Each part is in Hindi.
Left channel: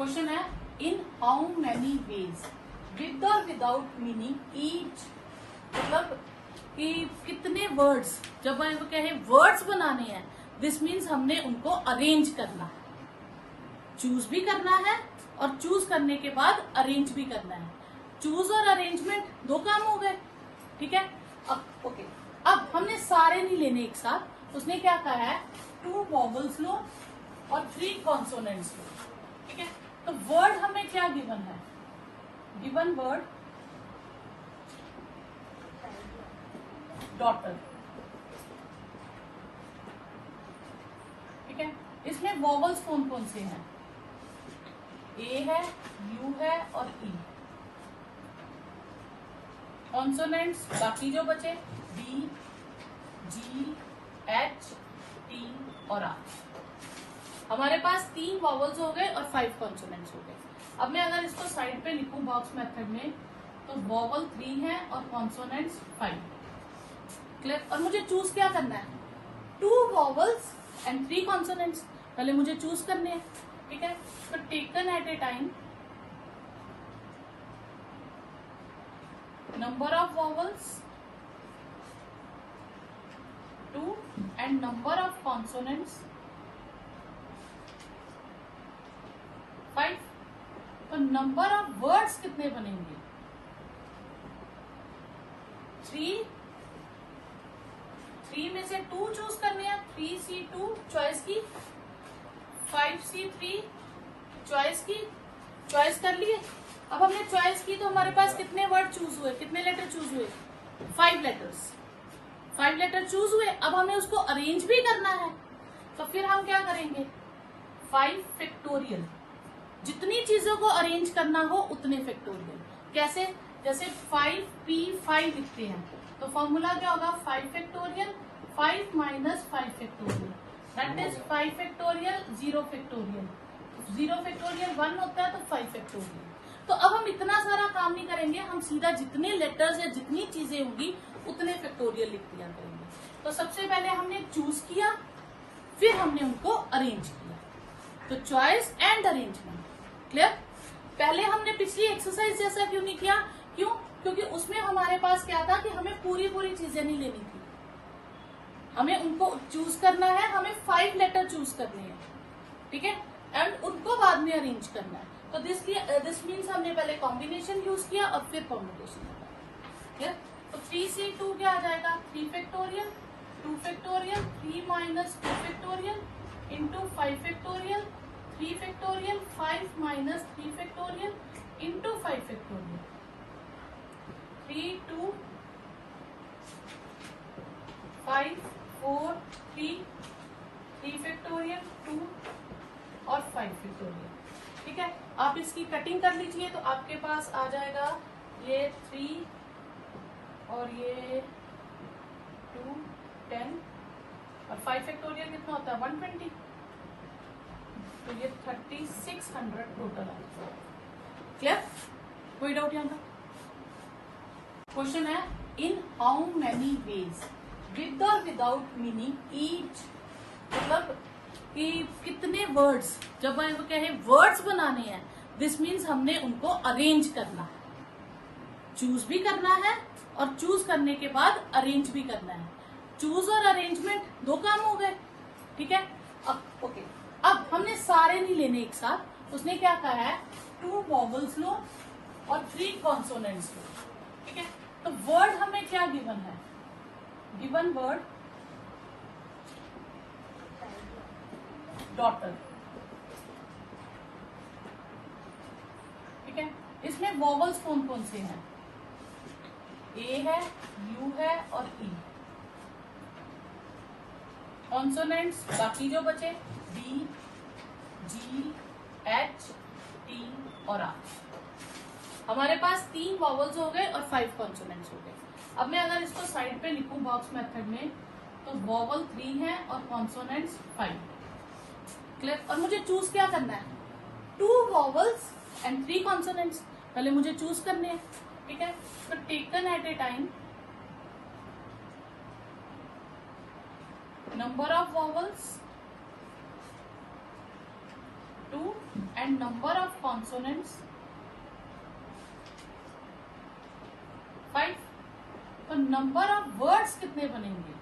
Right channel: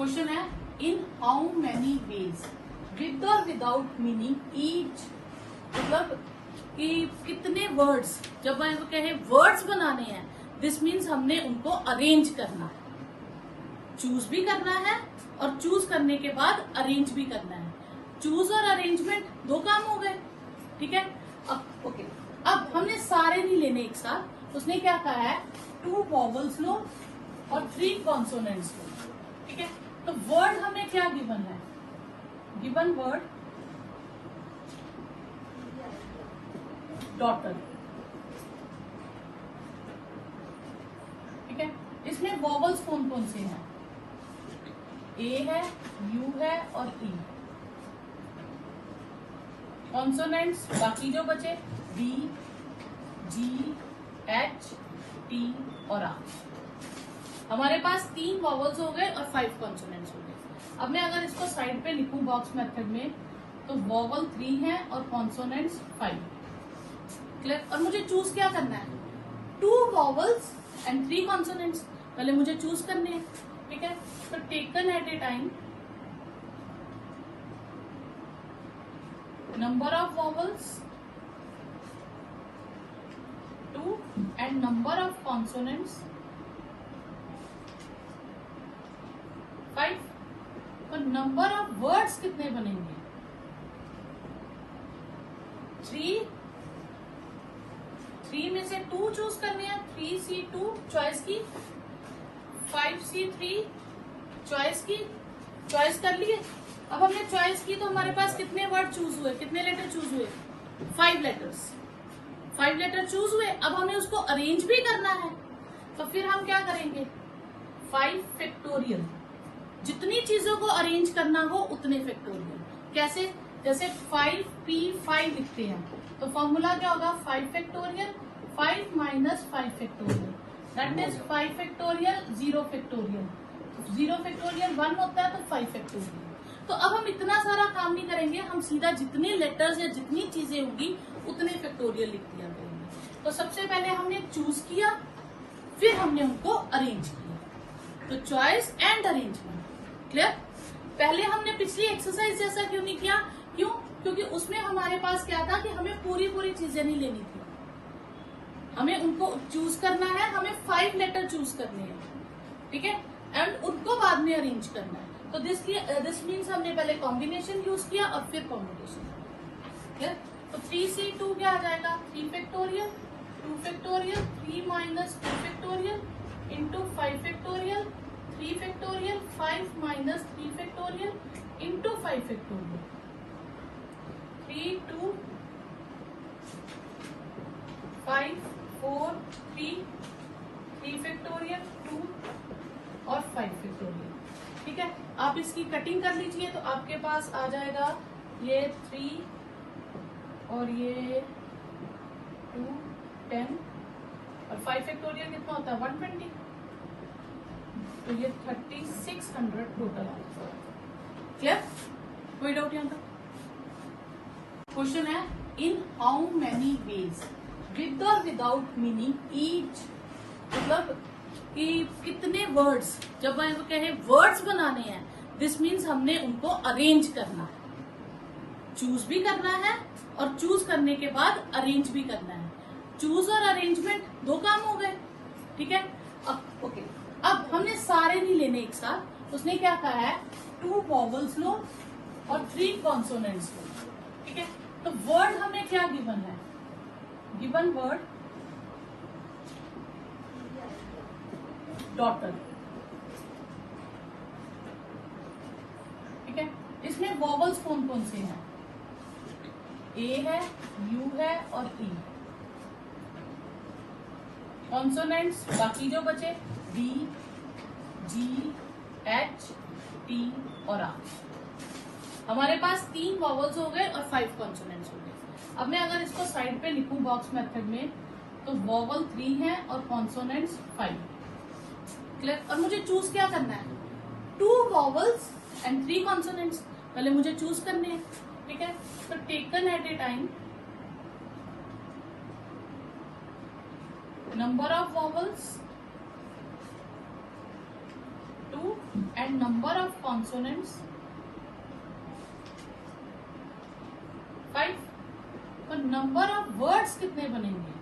क्वेश्चन है in how many ways with और विदाउट मीनिंग ईच, मतलब कि कितने वर्ड्स, जब हम कहें वर्ड्स बनाने हैं, दिस मीन्स हमने उनको अरेंज करना, चूज भी करना है और चूज करने के बाद अरेंज भी करना है। चूज और अरेंजमेंट दो काम हो गए, ठीक है। अब ओके, अब हमने सारे नहीं लेने एक साथ। उसने क्या कहा है, 2 वॉवल्स लो और 3 कॉन्सोनेंट्स लो, ठीक है। तो वर्ड हमें क्या गिवन है, गिवन वर्ड डॉटर, ठीक है। इसमें वॉवल्स कौन कौन से हैं, ए है, यू है और ई। कॉन्सोनेंट्स बाकी जो बचे डी, जी, एच, टी और आर। हमारे पास 3 वॉवल्स हो गए और 5 कॉन्सोनेंट्स हो गए। अब मैं अगर इसको साइड पे लिखूं बॉक्स मेथड में, तो वॉवल 3 है और कॉन्सोनेंट्स 5, क्लियर। और मुझे चूज क्या करना है, 2 वॉवल्स एंड 3 कॉन्सोनेंट्स, पहले मुझे चूज करने हैं, ठीक है। तो taken at a time number of vowels 2 and number of consonants 5। तो नंबर ऑफ वर्ड्स कितने बनेंगे, 3 में से 2 चूज करने हैं, 3C2 चॉइस की, 5C3 चॉइस की, चॉइस कर लिए। अब हमने चॉइस की तो हमारे पास कितने वर्ड चूज हुए, कितने लेटर चूज हुए, 5 लेटर्स, 5 लेटर चूज हुए। अब हमें उसको अरेंज भी करना है, तो फिर हम क्या करेंगे, 5 फैक्टोरियल, जितनी चीजों को अरेंज करना हो उतने फैक्टोरियल। कैसे, जैसे 5P5 लिखते हैं, तो फॉर्मूला क्या होगा, 5 factorial 5 minus 5 factorial, that is 5 factorial 0 factorial, 0 factorial 1 होता है तो 5 फैक्टोरियल। तो अब हम इतना सारा काम नहीं करेंगे, हम सीधा जितने लेटर्स या जितनी चीजें होंगी उतने फैक्टोरियल लिख दिया करेंगे। तो सबसे पहले हमने चूज किया, फिर हमने उनको अरेंज किया, तो चॉइस एंड अरेंजमेंट, क्लियर। पहले हमने पिछली एक्सरसाइज जैसा क्यों नहीं किया, क्यों, क्योंकि उसमें हमारे पास क्या था कि हमें पूरी चीजें नहीं लेनी थी, हमें उनको चूज करना है, हमें 5 लेटर चूज करने हैं, ठीक है, एंड उनको बाद में अरेंज करना है। तो दिस मीन्स हमने पहले कॉम्बिनेशन यूज किया और फिर कॉम्बिनेशन। तो 3C2 क्या आ जाएगा, 3 factorial 2 factorial 3 minus 2 factorial into 5 factorial 3 factorial 5 minus 3 factorial into 5 factorial 3 2 5 4 3 factorial 2 और 5 फैक्टोरियल, ठीक है। आप इसकी कटिंग कर लीजिए तो आपके पास आ जाएगा ये 3 और ये 2 10 और 5 फैक्टोरियल कितना होता है 120, तो ये 3600 टोटल आएगा, क्लियर। कोई डाउट यहाँ पर। क्वेश्चन है in how many ways with और विदाउट मीनिंग ईच, मतलब कि कितने वर्ड्स, जब हम कहें वर्ड्स बनाने हैं, दिस मीन्स हमने उनको अरेंज करना, चूज भी करना है और चूज करने के बाद अरेंज भी करना है। चूज और अरेंजमेंट दो काम हो गए, ठीक है। अब ओके, अब हमने सारे नहीं लेने एक साथ। उसने क्या कहा है, 2 वॉवल्स लो और 3 कॉन्सोनेंट्स लो, ठीक है। तो वर्ड हमें क्या गिवन है, गिवन वर्ड डॉटर, ठीक है। इसमें वॉवल्स कौन कौन से हैं, ए है, यू है और ई। कॉन्सोनेंट्स बाकी जो बचे डी, जी, एच, टी और आर। हमारे पास 3 वॉवल्स हो गए और 5 कॉन्सोनेंट्स हो गए। अब मैं अगर इसको साइड पे लिखूं बॉक्स मेथड में, तो वॉवल 3 है और कॉन्सोनेंट्स 5, क्लियर। और मुझे चूज क्या करना है, 2 वॉवल्स एंड 3 कॉन्सोनेंट्स, पहले मुझे चूज करने हैं, ठीक है। तो taken at a time number of vowels 2 and number of consonants 5। तो नंबर ऑफ वर्ड्स कितने बनेंगे?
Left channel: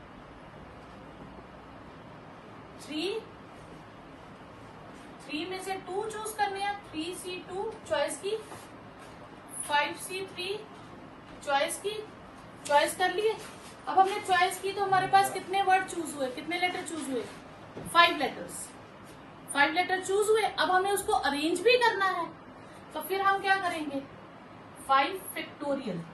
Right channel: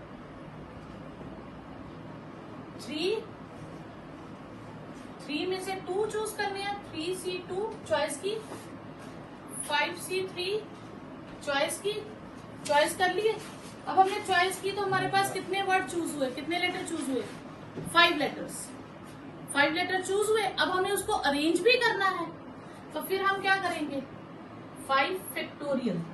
3 में से 2 चूज करनी है, 3C2 चॉइस की, 5C3 चॉइस की, चॉइस कर लिए। अब हमने चॉइस की तो हमारे पास कितने वर्ड चूज हुए, कितने लेटर चूज हुए? 5 लेटर्स। 5 लेटर चूज हुए। अब हमें उसको अरेंज भी करना है, तो फिर हम क्या करेंगे? 5 फैक्टोरियल।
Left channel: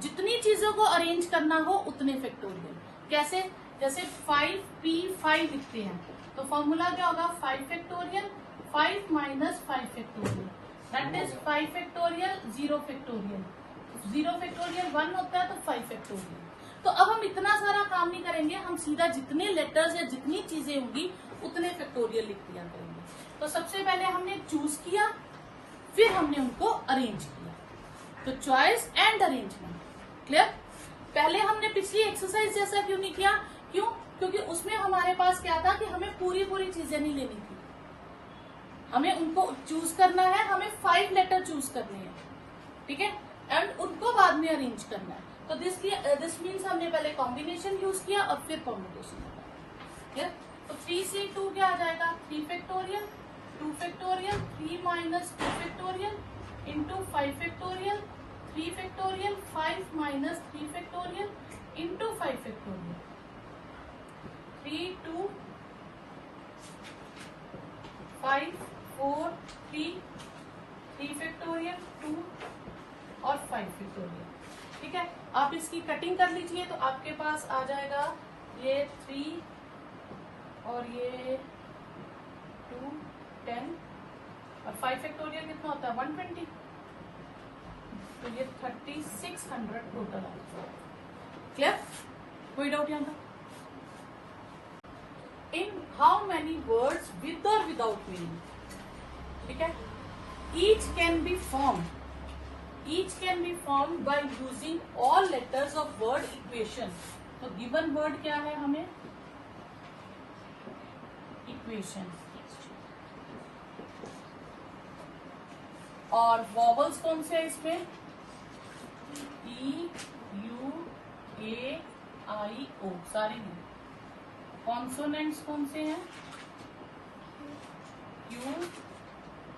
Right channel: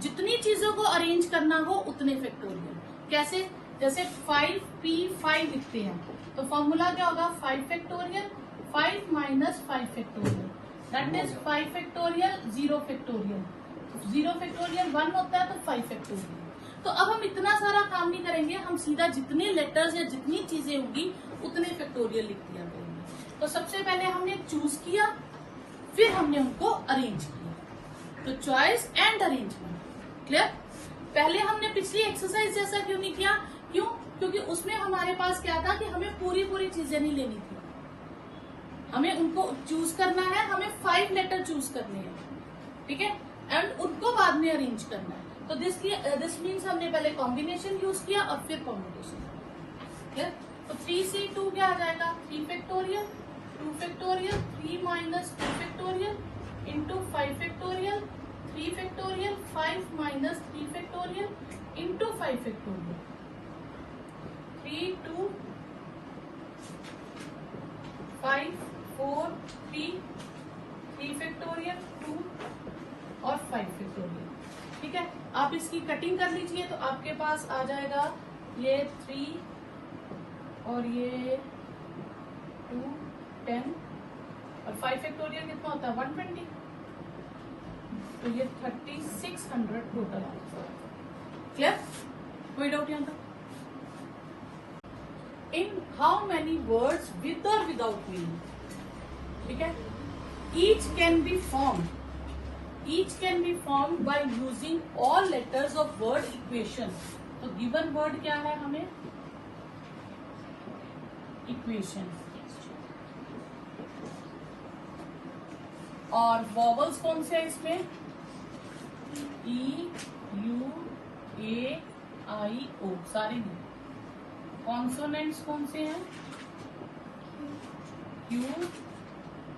जितनी चीजों को अरेंज करना हो उतने फैक्टोरियल। कैसे? जैसे 5P5 लिखते हैं तो फॉर्मूला क्या होगा? 5 factorial 5 minus 5 factorial, that means 5 factorial 0 factorial. 0 factorial 1 होता है तो 5 फैक्टोरियल। तो अब हम इतना सारा काम नहीं करेंगे, हम सीधा जितनी लेटर्स या जितनी चीजें होंगी उतने फैक्टोरियल लिख दिया करेंगे। तो सबसे पहले हमने चूज किया, फिर हमने उनको अरेंज किया। तो चॉइस एंड अरेंजमेंट, क्लियर? पहले हमने पिछली एक्सरसाइज जैसा क्यों नहीं किया? क्यों? क्योंकि उसमें हमारे पास क्या था कि हमें पूरी चीजें नहीं लेनी थी, हमें उनको चूज करना है, हमें 5 लेटर चूज करने हैं, ठीक है, एंड उनको बाद में अरेंज करना है। तो दिस मीन्स हमने पहले कॉम्बिनेशन यूज किया और फिर कॉम्बिनेशन, क्लियर? तो 3C2 क्या आ जाएगा? 3 factorial 2 factorial 3 minus 2 factorial into 5 factorial 3 factorial 5 minus 3 factorial into 5 factorial 3 2 5 4 3 factorial 2 और 5 फैक्टोरियल, ठीक है। आप इसकी कटिंग कर लीजिए तो आपके पास आ जाएगा ये 3 और ये 2 10 और 5 फैक्टोरियल कितना होता है? 120। तो ये 3600 टोटल आता है, क्लियर? कोई डाउट यहाँ पर? इन हाउ मेनी वर्ड्स विद और विदाउट मीनिंग, ठीक है, each can be formed by using all letters of word equation. तो गिवन वर्ड क्या है हमें? इक्वेशन। और वॉवल्स कौन से हैं इसमें? E U A I O सारे हैं। कॉन्सोनेंट्स कौन से हैं? Q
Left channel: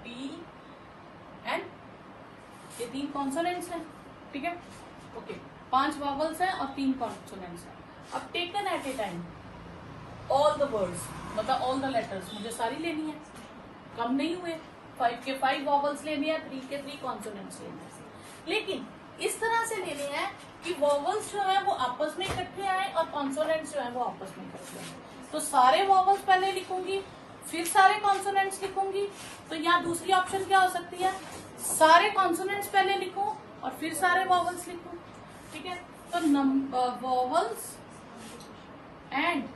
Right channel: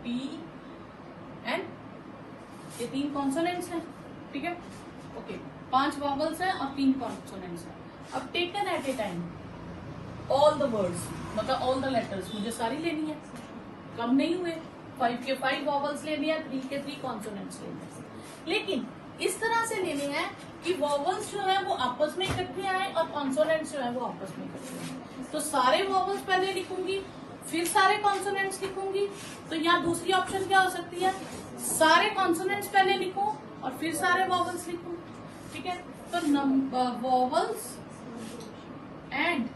T N, ये 3 कॉन्सोनेंट्स हैं, ठीक है, ओके। 5 वॉवल्स हैं और 3 कॉन्सोनेंट्स हैं। अब taken at a time all the words, मतलब ऑल द लेटर्स, मुझे सारी लेनी है, कम नहीं हुए। 5 के 5 वॉवल्स लेनी है, 3 के 3 कॉन्सोनेंट्स लेने हैं, लेकिन इस तरह से लेने हैं कि वॉवल्स जो है वो आपस में इकट्ठे आए और कॉन्सोनेंट्स जो है वो आपस में इकट्ठे आए। तो सारे वॉवल्स पहले लिखूंगी, फिर सारे कॉन्सोनेंट्स लिखूंगी। तो यहाँ दूसरी ऑप्शन क्या हो सकती है? सारे कॉन्सोनेंट्स पहले लिखूं और फिर सारे वॉवल्स लिखूं, ठीक है। तो vowels and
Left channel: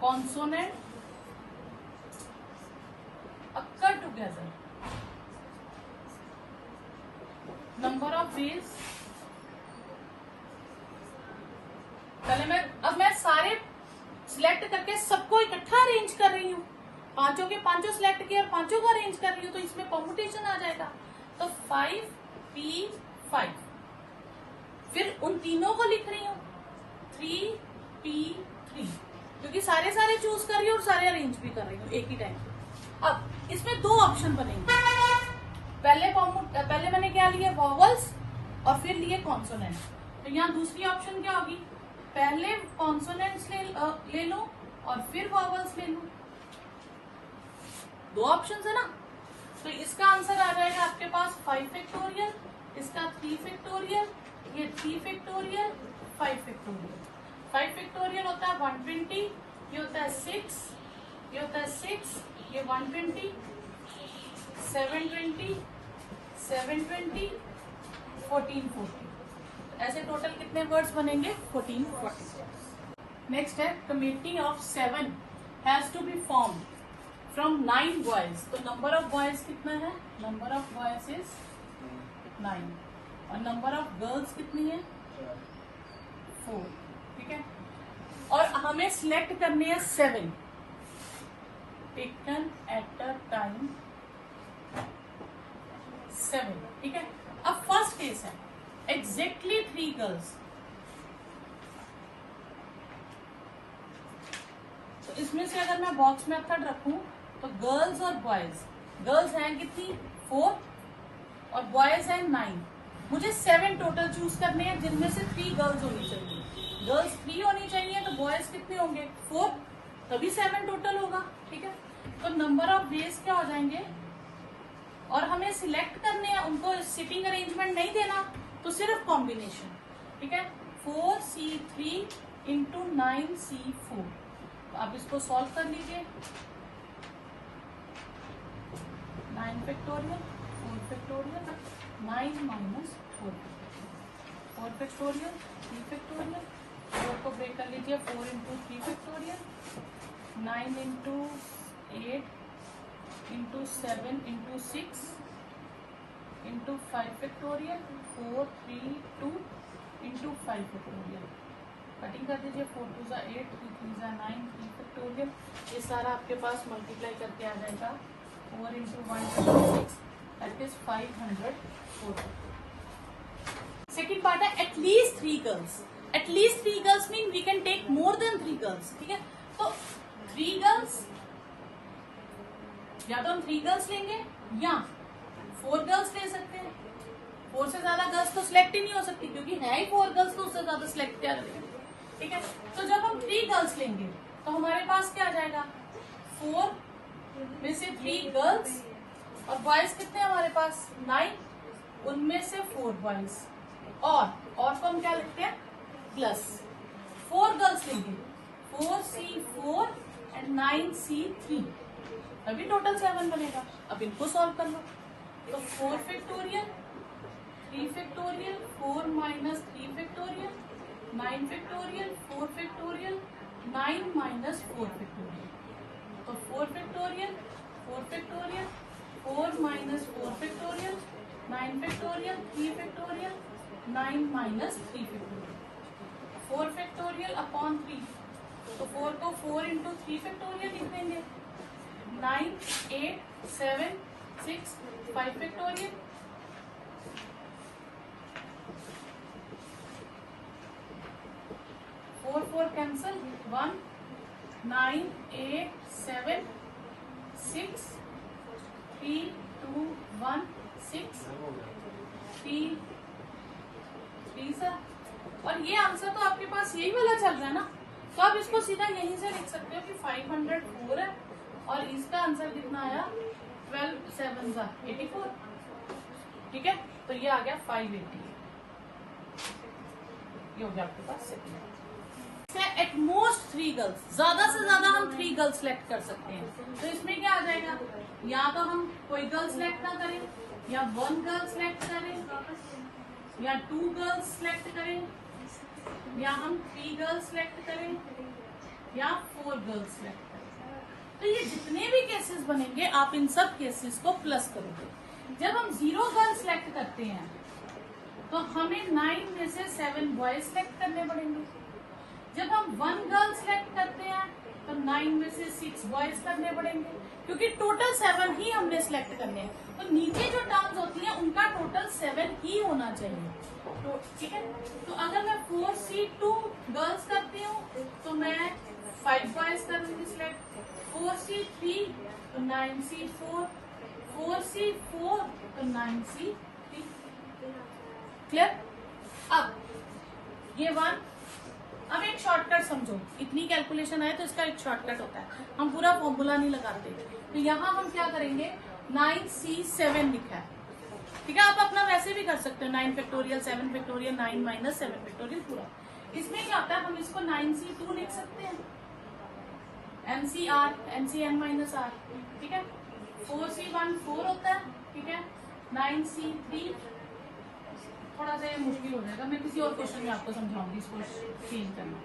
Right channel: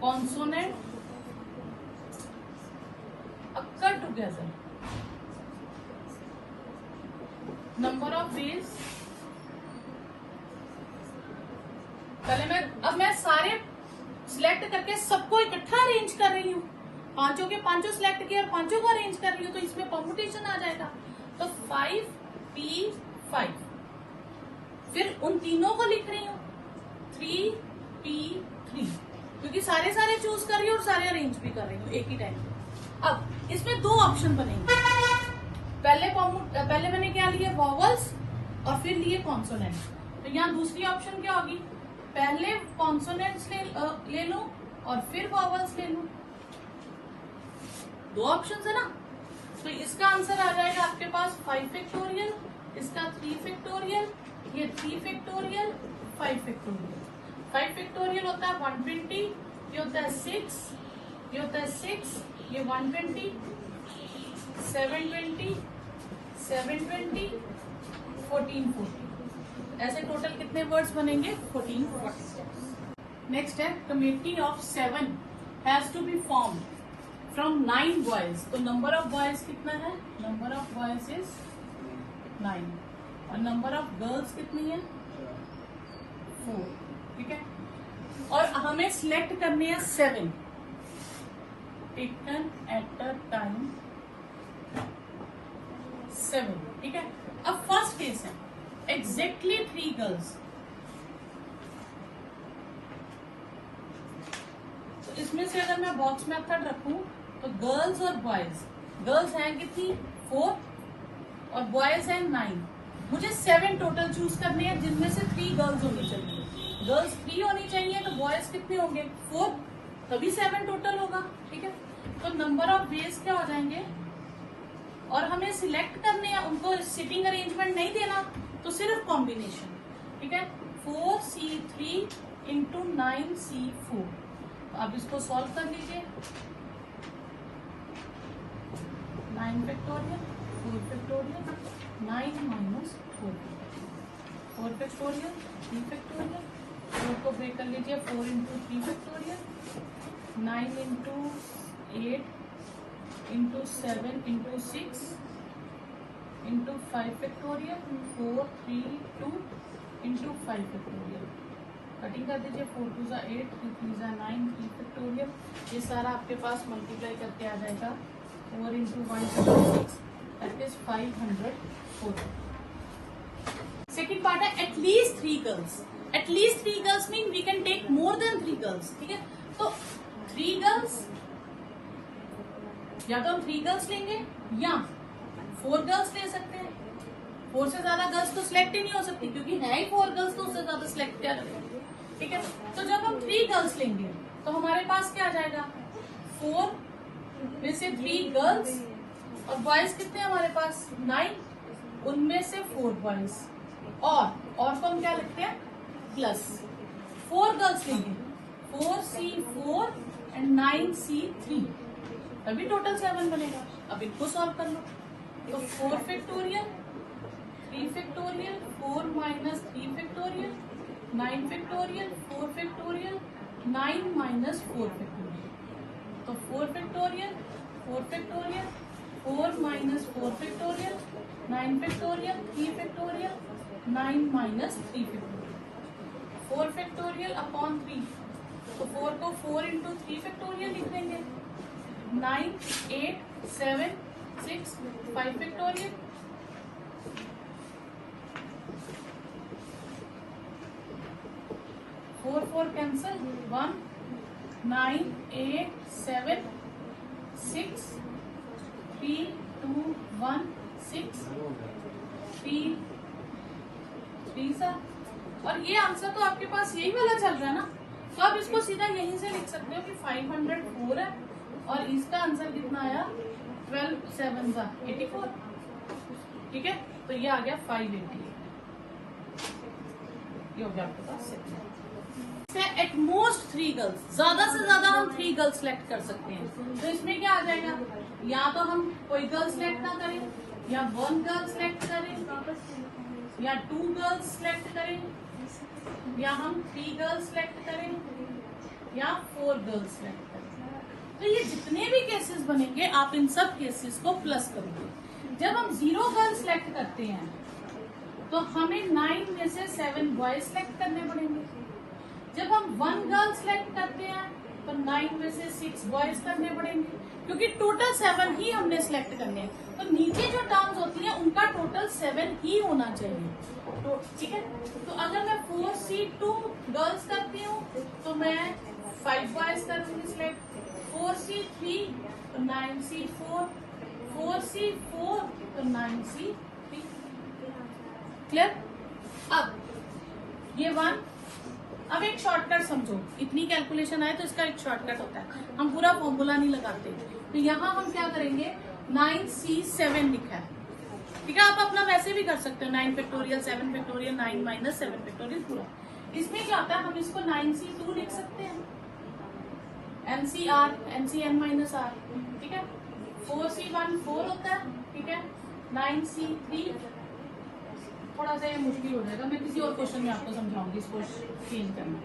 consonant occur together. Number of ways, पहले अब मैं सारे सिलेक्ट करके सबको इकट्ठा अरेंज कर रही हूँ, 5 के 5 सिलेक्ट किए और 5 को अरेंज कर रही हूँ, तो इसमें कॉम्पिटिशन आ जाएगा। तो 5P5, फिर उन तीनों को लिख रही हूँ 3P3, क्योंकि सारे चूज कर रही हूँ और सारे अरेंज भी कर रही हूँ एक ही टाइम। अब इसमें 2 ऑप्शन बनेंगे, पहले मैंने क्या लिए? वॉवल्स और फिर लिए कॉन्सोनेंट। तो यहाँ दूसरी ऑप्शन क्या होगी? पहले कॉन्सोनेंट्स ले लो और फिर वॉवल्स ले लो। 2 ऑप्शन है ना, तो इसका आंसर आ जाएगा आपके पास 5 फैक्टोरियल, इसका 3 फैक्टोरियल, ये 3 फैक्टोरियल 5 फैक्टोरियल। 5 फैक्टोरियल होता है 120, ये होता है 6, ये होता है 6, ये 120, 720, 720, 1440। ऐसे टोटल कितने वर्ड्स बनेंगे? 1440। नेक्स्ट है committee of 7 has to be form from 9 boys. तो नंबर ऑफ बॉयज कितना है? नंबर ऑफ बॉयज इज 9 और नंबर ऑफ गर्ल्स कितनी है? 4, ठीक है। और हमें सिलेक्ट करनी है 7 टेकन एट अ टाइम 7, ठीक है। अब फर्स्ट केस है एग्जैक्टली 3 गर्ल्स, तो इसमें से अगर मैं बॉक्स मेथड रखूं तो गर्ल्स और बॉयज, गर्ल्स हैं कितनी 4 और बॉयज हैं 9, मुझे 7 टोटल चूज करने हैं जिनमें से 3 गर्ल्स होनी चाहिए। गर्ल्स 3 होनी चाहिए तो बॉयज कितने होंगे 4, तभी 7 टोटल होगा, ठीक है। तो नंबर ऑफ वेज क्या हो जाएंगे, और हमें सिलेक्ट करने हैं, उनको सिटिंग अरेंजमेंट नहीं देना, तो सिर्फ कॉम्बिनेशन, ठीक है। 4C3 इंटू 9C4, आप इसको सॉल्व कर लीजिए। 9 factorial 4 factorial 9 minus 4 factorial 3 factorial, 4 को ब्रेक कर लीजिए, 4 into 3 factorial, 9 into 8 into 7 into 6 into 5 factorial, 4 3 2 into 5 factorial, cutting कर दीजिए, 4 2 जा 8 3 3 जा 9 3 फैक्टोरियल, ये सारा आपके पास मल्टीप्लाई करके आ जाएगा 4 into 1 6, that is 540। Second part है at least 3 girls. At least 3 girls mean we can take more than 3 girls, ठीक है। तो 3 गर्ल्स, या तो हम 3 गर्ल्स लेंगे या 4 गर्ल्स ले सकते हैं। 4 से ज्यादा गर्ल्स तो सिलेक्ट ही नहीं हो सकती, क्योंकि है ही 4 गर्ल्स, तो उससे ज्यादा सिलेक्ट क्या करेंगे, ठीक है। तो जब हम 3 गर्ल्स लेंगे तो हमारे पास क्या आ जाएगा 4 में से 3 गर्ल्स, और बॉयज कितने हमारे पास 9, उनमें से 4 बॉयज, और को हम क्या लिखते हैं प्लस 4 गर्ल्स लेंगे 4C4 एंड 9C3, तभी टोटल 7 बनेगा। अब इनको सॉल्व कर लो, तो 4 factorial 3 factorial 4 minus 3 factorial 9 factorial 4 factorial 9 minus 4 factorial, तो 4 factorial 4 factorial 4 minus 4 factorial 9 factorial 3 factorial 9 minus 3 factorial, 4 factorial upon 3, तो 4 को 4 इंटू 3 फैक्टोरियल लिख देंगे, 9 8 7 6 5 फैक्टोरियल, 4 4 कैंसल 1 9 8 7 6 3 2 1 6 3 3 सर, और ये आंसर तो आपके पास यही वाला चल गया ना, तो आप इसको सीधा यहीं से लिख सकते हो कि 504 है, और इसका आंसर कितना आया 12 7 84, ठीक है। तो ये आ गया 580, ये हो गया आपके पास सेकंड। एट मोस्ट 3 गर्ल्स, ज्यादा से ज्यादा हम 3 गर्ल्स सेलेक्ट कर सकते हैं, तो इसमें क्या आ जाएगा, या तो हम कोई गर्ल सेलेक्ट ना करें, या 1 गर्ल सेलेक्ट करें, या 2 गर्ल्स सेलेक्ट करें, या हम 3 गर्ल्स सेलेक्ट करें, या 4 गर्ल्स सेलेक्ट करें। तो ये जितने भी केसेस बनेंगे आप इन सब केसेस को प्लस करोगे। जब हम 0 गर्ल सेलेक्ट करते हैं तो हमें 9 में से 7 बॉयज सेलेक्ट करने पड़ेंगे। जब हम 1 गर्ल सेलेक्ट करते हैं तो 9 में से 6 बॉयज करने पड़ेंगे, क्योंकि टोटल 7 ही हमने सेलेक्ट करने हैं। तो नीचे जो टर्म्स होती है उनका टोटल 7 ही होना चाहिए, तो ठीक है। तो अगर मैं 4C2 गर्ल्स करती हूँ तो मैं 5 बॉयज करूंगी सिलेक्ट, 4C3 तो 9C4, 4C4 तो 9C3, क्लियर। अब ये 1, अब एक शॉर्टकट समझो, इतनी कैलकुलेशन आए तो इसका एक शॉर्टकट होता है, हम पूरा फॉर्मूला नहीं लगाते। तो यहाँ हम क्या करेंगे 9C7 लिखा है, ठीक है। आप अपना वैसे भी कर सकते हो 9 फैक्टोरियल 7 फैक्टोरियल 9 माइनस 7 फैक्टोरियल पूरा। इसमें क्या होता है, हम इसको 9C2 लिख सकते हैं, NCR NCN माइनस R, ठीक है। 4C1 4 होता है, ठीक है। 9C3 थोड़ा सा ये मुश्किल हो जाएगा, मैं किसी और क्वेश्चन में आपको समझाऊंगी इसको चेंज करना,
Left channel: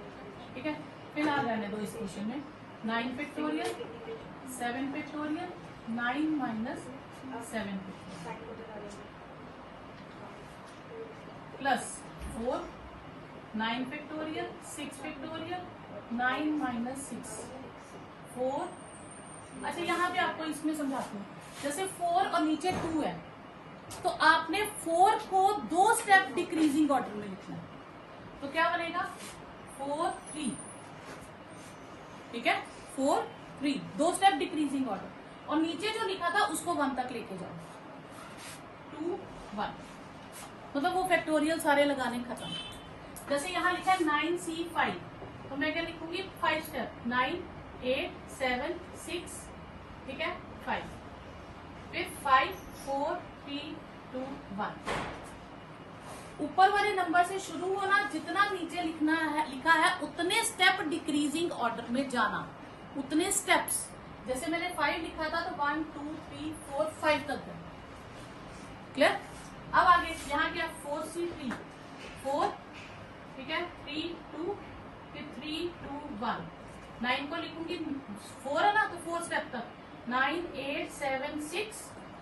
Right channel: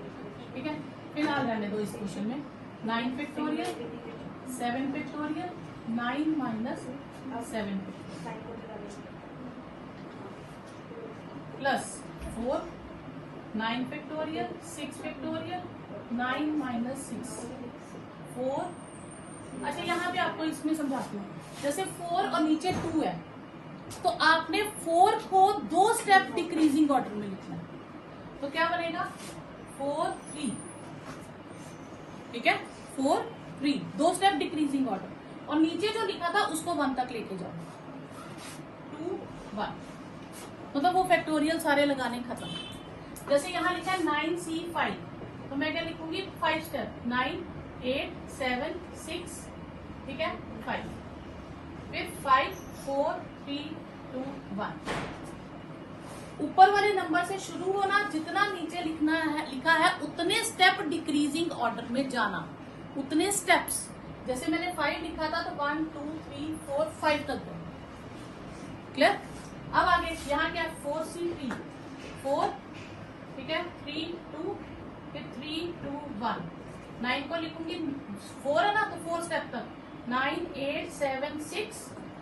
ठीक है। फिलहाल रहने दो इस क्वेश्चन में। 9 factorial 7 factorial 9 minus 7 plus 4 9 factorial 6 factorial 9 minus 6 4। अच्छा यहाँ पे आपको इसमें समझाती हूँ, जैसे 4 और नीचे 2 है तो आपने 4 को 2 स्टेप डिक्रीजिंग ऑर्डर में लिखना है। तो क्या बनेगा 4 3, ठीक है 4 3, 2 स्टेप डिक्रीजिंग ऑर्डर, और नीचे जो लिखा था उसको 1 तक लेके जाओ, 2 1, मतलब वो फैक्टोरियल सारे लगाने खत्म। जैसे यहाँ लिखा है 9C5, तो मैं क्या लिखूंगी 5 स्टेप, 9 8 7 6, ठीक है 5, फिर 5 4 3 2 1। ऊपर वाले नंबर से शुरू होना, जितना नीचे लिखा है उतने स्टेप डिक्रीजिंग ऑर्डर में जाना, उतने स्टेप्स। जैसे मैंने 5 लिखा था तो 1 2 3 4 5 तक गए, क्लियर। अब आगे यहाँ क्या 4C3 4, ठीक है 3 2, फिर 3 2 1, 9 को लिखूंगी 4 है ना तो 4 स्टेप तक, 9 8 7 6,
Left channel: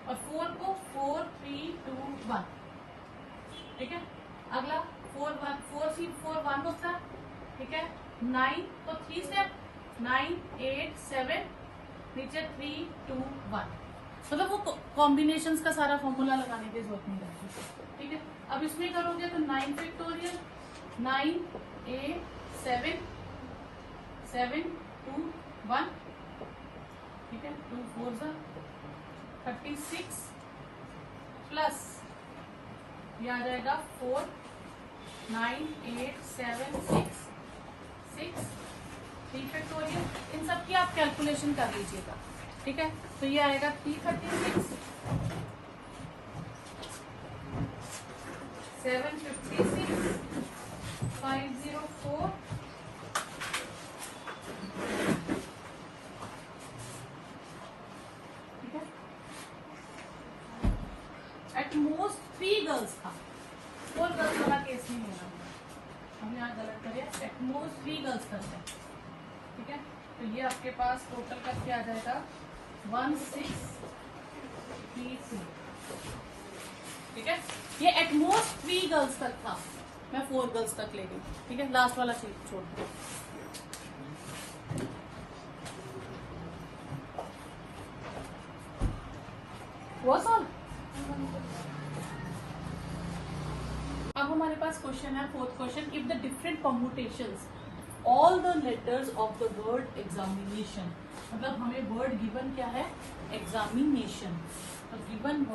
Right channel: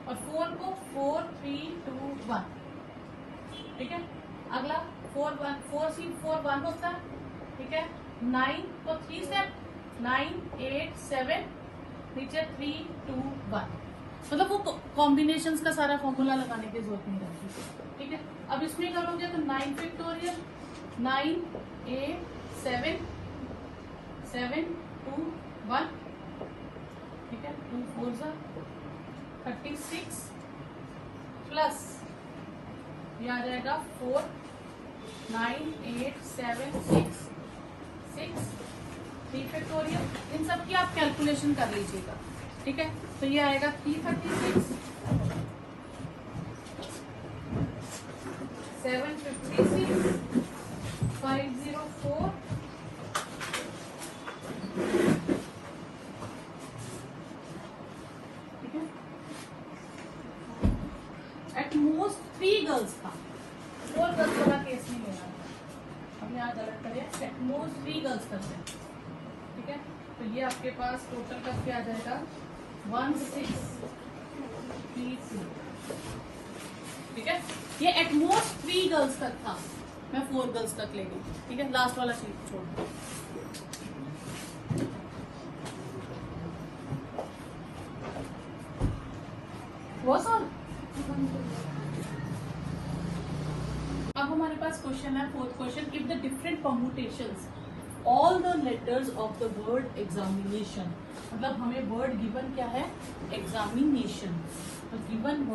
और 4 को 4 3 2 1, ठीक है। अगला 4C4 1 होता है, ठीक है 9 तो 3 स्टेप, 9 8 7, नीचे 3 2 1, मतलब वो कॉम्बिनेशंस का सारा फॉर्मूला लगाने की जरूरत नहीं पड़ती, ठीक है। अब इसमें करोगे तो 9 फैक्टोरियल, 9 8 7 7 2 1, ठीक है 2 4 36, प्लस ये आ जाएगा 4 9 8 7 6 6 3 फैक्टोरियल। इन सब की आप कैलकुलेशन कर लीजिएगा, ठीक है। तो ये आएगा 336 756 504, ठीक है। एटमोस्ट 3 गर्ल्स था, 4 गर्ल्स वाला केस नहीं होगा, हम यहाँ गलत करें, एटमोस्ट 3 गर्ल्स करते हैं, ठीक है। तो ये आपके पास टोटल का क्या आ जाएगा 1636, ठीक है। ये एटमोस्ट 3 गर्ल्स तक था, मैं 4 गर्ल्स तक ले गई, ठीक है। लास्ट वाला शीट छोड़ दो। वो सर अब हमारे पास क्वेश्चन है 4th question, if the different permutations all the letters of the word examination, मतलब हमें वर्ड गिवन क्या है examination, the given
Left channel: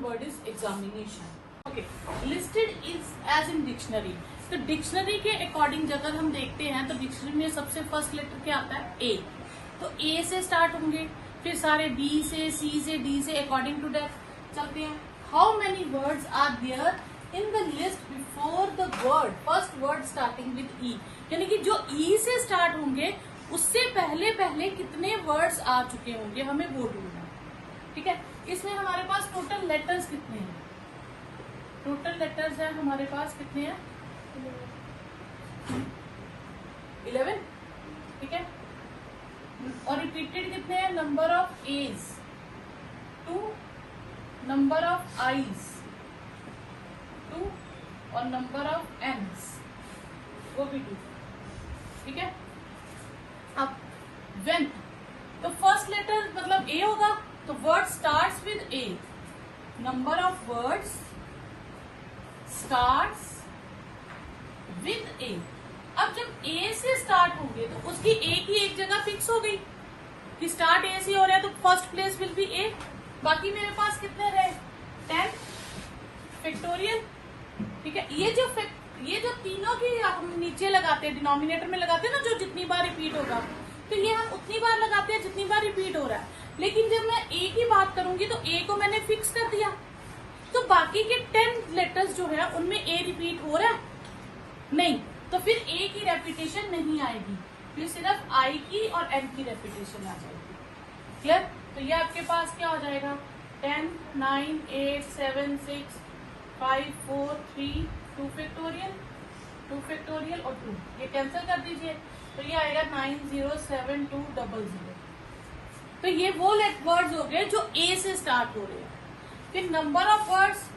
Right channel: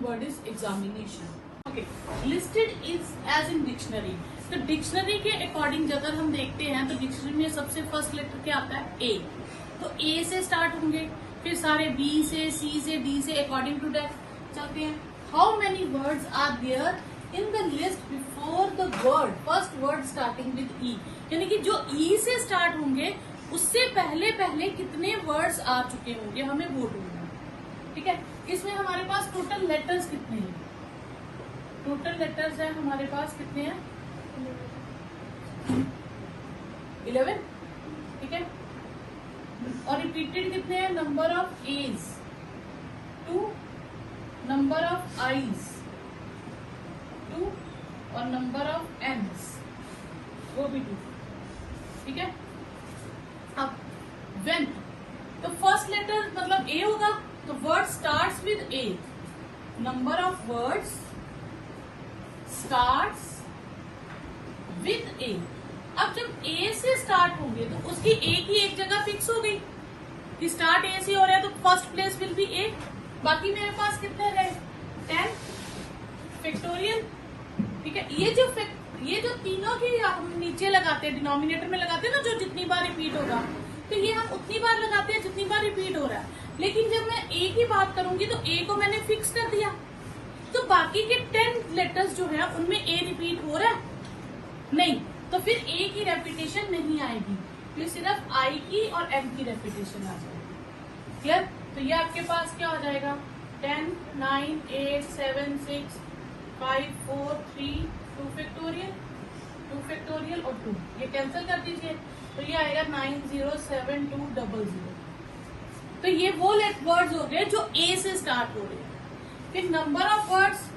word is examination, okay. Listed is as in dictionary, तो डिक्शनरी के अकॉर्डिंग अगर हम देखते हैं तो डिक्शनरी में सबसे फर्स्ट लेटर क्या आता है ए, तो ए से स्टार्ट होंगे, फिर सारे बी से सी से डी से अकॉर्डिंग टू दैट चलते हैं। How many words are there in the list before the word, first word starting with E, यानी कि जो ई से स्टार्ट होंगे उससे पहले पहले कितने वर्ड्स आ चुके होंगे, हमें वो ढूंढना है, ठीक है। इसमें हमारे पास टोटल लेटर्स कितने हैं, टोटल लेटर्स हैं हमारे पास कितने हैं 11, ठीक है। और रिपीटेड कितने हैं, number of A's 2, number of I's 2, और नंबर ऑफ एंड्स वो भी 2, ठीक है। अब व्हेन, तो फर्स्ट लेटर मतलब ए होगा, तो word starts with A, number of words starts with A. अब जब ए से स्टार्ट होंगे तो उसकी ए की एक जगह फिक्स हो गई कि स्टार्ट ए से हो रहा है, तो फर्स्ट प्लेस विल बी ए। बाकी मेरे पास कितने रहे 10 फैक्टोरियल, ठीक है। ये जो तीनों भी हम नीचे लगाते हैं, डिनोमिनेटर में लगाते हैं ना, जो जितनी बार रिपीट होगा, तो ये हम उतनी बार लगाते हैं जितनी बार रिपीट हो रहा है। लेकिन जब मैं ए की बात करूंगी तो ए को मैंने फिक्स कर दिया, तो बाकी के 10 लेटर्स जो है उनमें ए रिपीट हो रहा है नहीं, तो फिर ए की रेपिटेशन नहीं आएगी, तो सिर्फ आई की और एम की रेपिटेशन आ जाएगी, क्लियर। तो ये आपके पास क्या आ जाएगा 10 9 8 7 6 5 4 3 2 फैक्टोरियल और 2, ये कैंसिल कर दीजिए, तो ये आएगा 907200। तो ये वो वर्ड्स हो गए जो ए से स्टार्ट हो रहे हैं। फिर number of words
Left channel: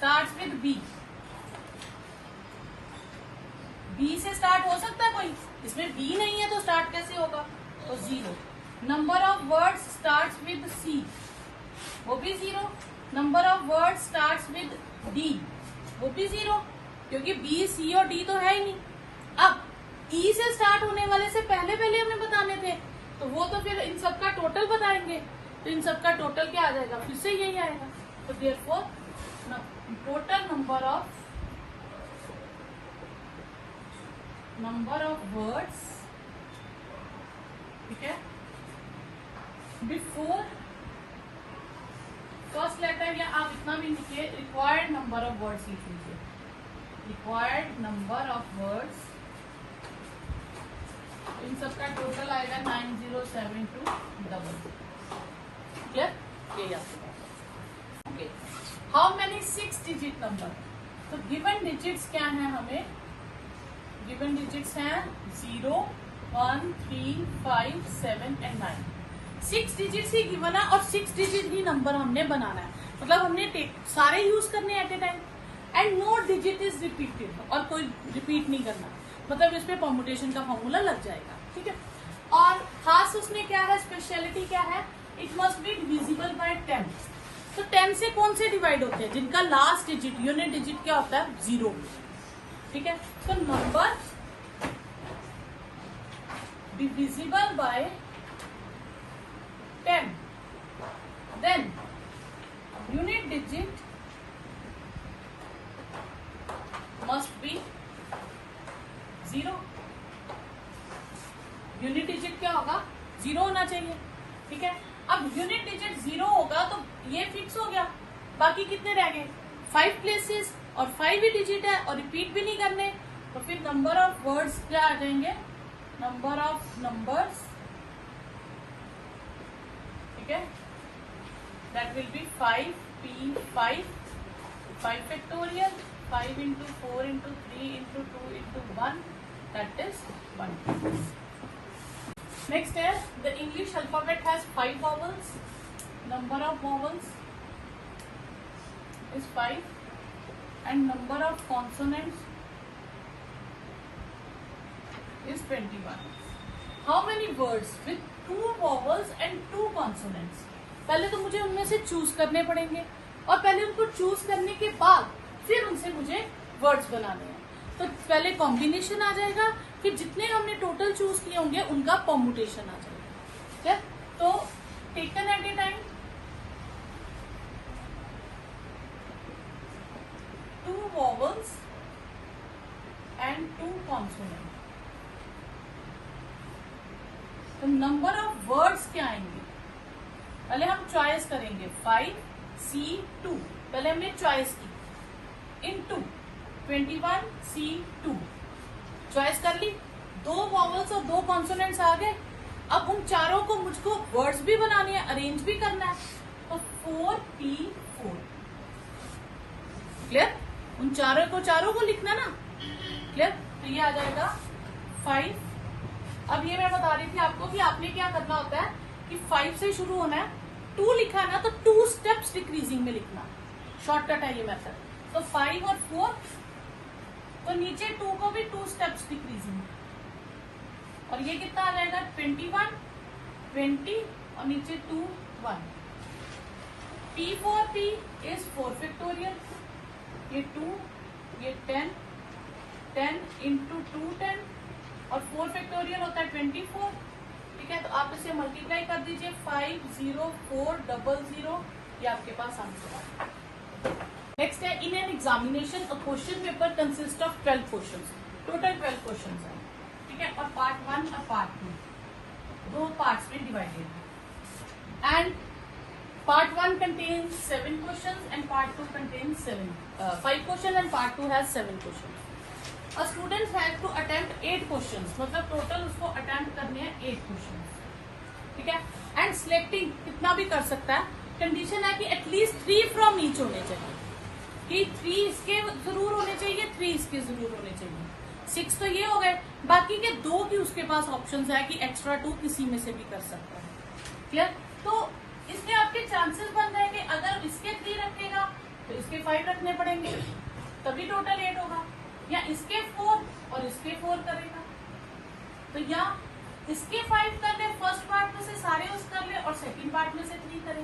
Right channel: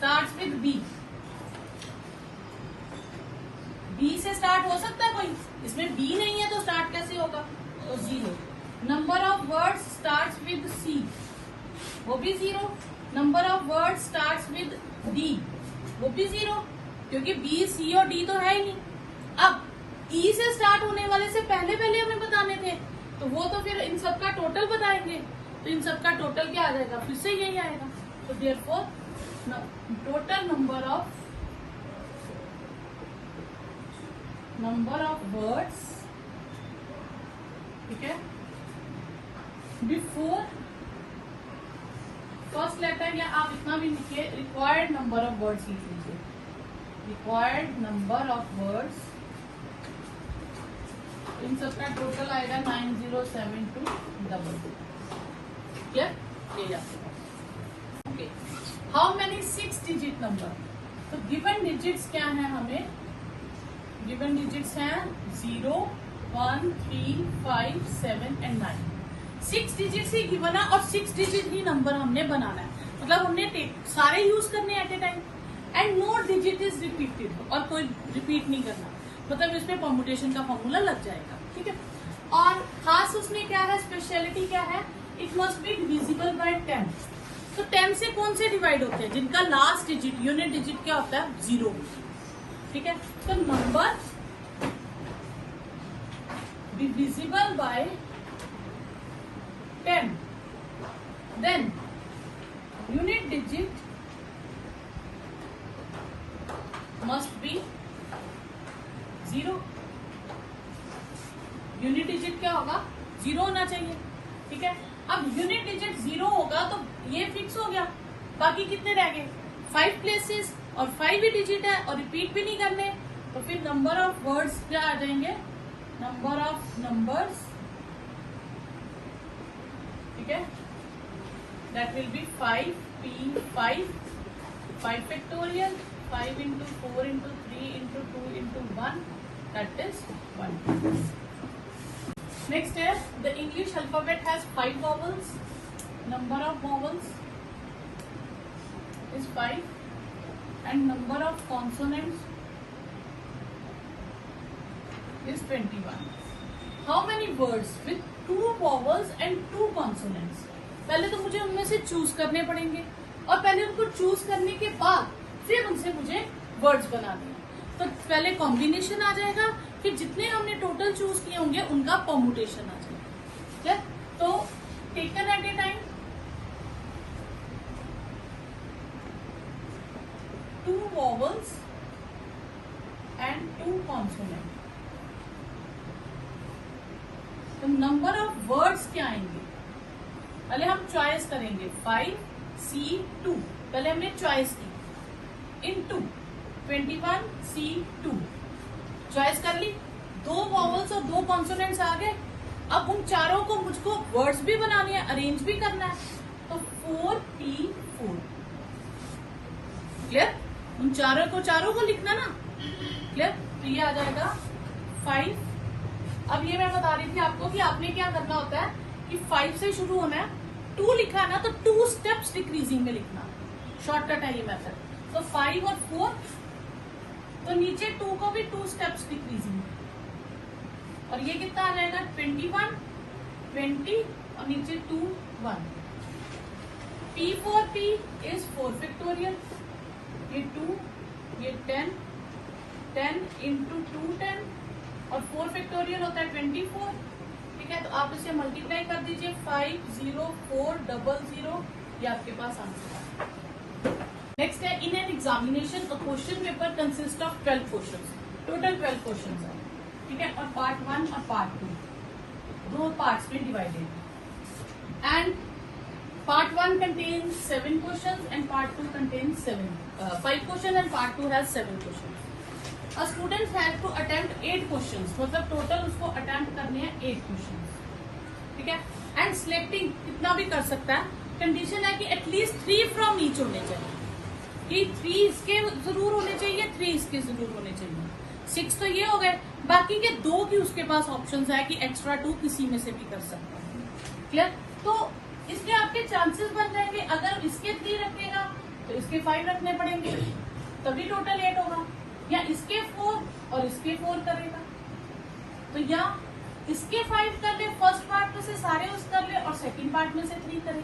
start with B, B से स्टार्ट हो सकता है कोई? इसमें बी नहीं है तो स्टार्ट कैसे होगा? तो 0। Number of words start with C, वो भी 0। Number of words start with D, वो भी 0, क्योंकि बी, सी और डी तो है ही नहीं। अब ई से स्टार्ट होने वाले से पहले हमें बताने थे, तो वो तो फिर इन सबका टोटल बताएंगे, तो इन सबका टोटल क्या आ जाएगा? फिर से यही आएगा। तो therefore total number of words, ठीक है, बिफोर फर्स्ट लेटर, या आप इतना भी लिखिए, रिक्वायर्ड नंबर ऑफ वर्ड्स लिख लीजिए, रिक्वायर्ड नंबर ऑफ वर्ड्स, इन सबका टोटल आएगा 9072 क्लियर? ये okay. How many 6 digit number? तो गिवन डिजिट्स क्या है? हमें गिवन डिजिट्स हैं 0, 1, 3, 5, 7 एंड 9। 6 डिजिट्स ही गिवन है और 6 डिजिट ही नंबर हमने बनाना है, मतलब हमने सारे यूज करने at a time, and no digit is repeated, और कोई रिपीट नहीं करना, मतलब इसमें परम्यूटेशन का फॉर्मूला लग जाएगा, ठीक है। और खास उसमें क्या है, स्पेशलिटी क्या है? It must be divisible by 10। तो 10 से कौन से डिवाइड होते हैं? जिनका लास्ट डिजिट, यूनिट डिजिट क्या होता है? 0, ठीक है। तो number divisible by 10, then unit digit must be 0। Unit digit क्या होगा? 0 होना चाहिए, ठीक है। अब यूनिट डिजिट 0 होगा तो ये फिक्स हो गया, बाकी कितने रह गए? 5 प्लेसेस, और 5 ही डिजिट है और रिपीट भी नहीं करने, तो फिर नंबर ऑफ वर्ड्स क्या आ जाएंगे? नंबर ऑफ नंबर्स, ठीक है, that will be 5p5 factorial, 5 into 4 into 3 into 2 into 1, that is 1. Next here, the English alphabet has 5 vowels. Number of vowels is 5, and number of consonants is 21. How many words with 2 vowels and 2 consonants? पहले तो मुझे उनमें से चूज करने पड़ेंगे, और पहले उनको चूज करने के बाद फिर उनसे मुझे वर्ड्स बनाने हैं। तो पहले कॉम्बिनेशन आ जाएगा, फिर जितने हमने टोटल चूज किए होंगे उनका परम्यूटेशन आ जाएगा, क्या? तो taken at a time 2 vowels and 2 consonants. तो नंबर ऑफ वर्ड्स क्या आएंगे? पहले हम चॉइस करेंगे 5C2, पहले हमने चॉइस की, इनटू 21C2, चॉइस कर ली, 2 वॉवल्स और 2 कॉन्सोनेंट्स आ गए। अब उन चारों को मुझको वर्ड्स भी बनाने हैं, अरेंज भी करना है, तो 4P4, क्लियर? उन चारों को लिखना ना, क्लियर? तो ये आ जाएगा 5। अब ये मैं बता रही थी आपको कि आपने क्या करना होता है कि 5 से शुरू होना है, 2 लिखा ना तो 2 स्टेप्स डिक्रीजिंग में लिखना, शॉर्टकट है ये मेथड। तो 5 और 4, तो नीचे 2 को भी 2 स्टेप्स डिक्रीजिंग, और ये कितना आ जाएगा? 21, 20 और नीचे 2, 1। P4P इज 4 फैक्टोरियल, ये 2, ये 10, 10 इंटू 2 10, और 4 फैक्टोरियल होता है 24, ठीक है। तो आप इसे मल्टीप्लाई कर दीजिए, 50400, ये आपके पास आंसर है। नेक्स्ट है, in an examination a question paper consist of 12 questions, total 12 questions है, ठीक है। और पार्ट 1 और पार्ट 2 दो पार्ट्स में divided, and part 1 contains 7 questions and part 2 contains 5 questions and part 2 has 7 questions. A student has to attempt 8 questions, मतलब टोटल उसको अटेम्प्ट करने हैं 8 questions, ठीक है। एंड सिलेक्टिंग कितना भी कर सकता है, कंडीशन है कि एटलीस्ट 3 फ्रॉम ईच होने चाहिए, कि 3 इसके जरूर होने चाहिए, 3 इसके जरूर होने चाहिए। 6 तो ये हो गए, बाकी के 2 भी उसके पास ऑप्शंस है कि एक्स्ट्रा 2 किसी में से भी कर सकता है, क्लियर? तो इसमें आपके चांसेस बन जाएंगे, अगर इसके 3 रखेगा तो इसके 5 रखने पड़ेंगे, तभी टोटल 8 होगा। या इसके 4 और इसके 4 करेगा, तो या इसके 5 कर ले, फर्स्ट पार्ट में से सारे उस कर ले और सेकंड पार्ट में से 3 करे,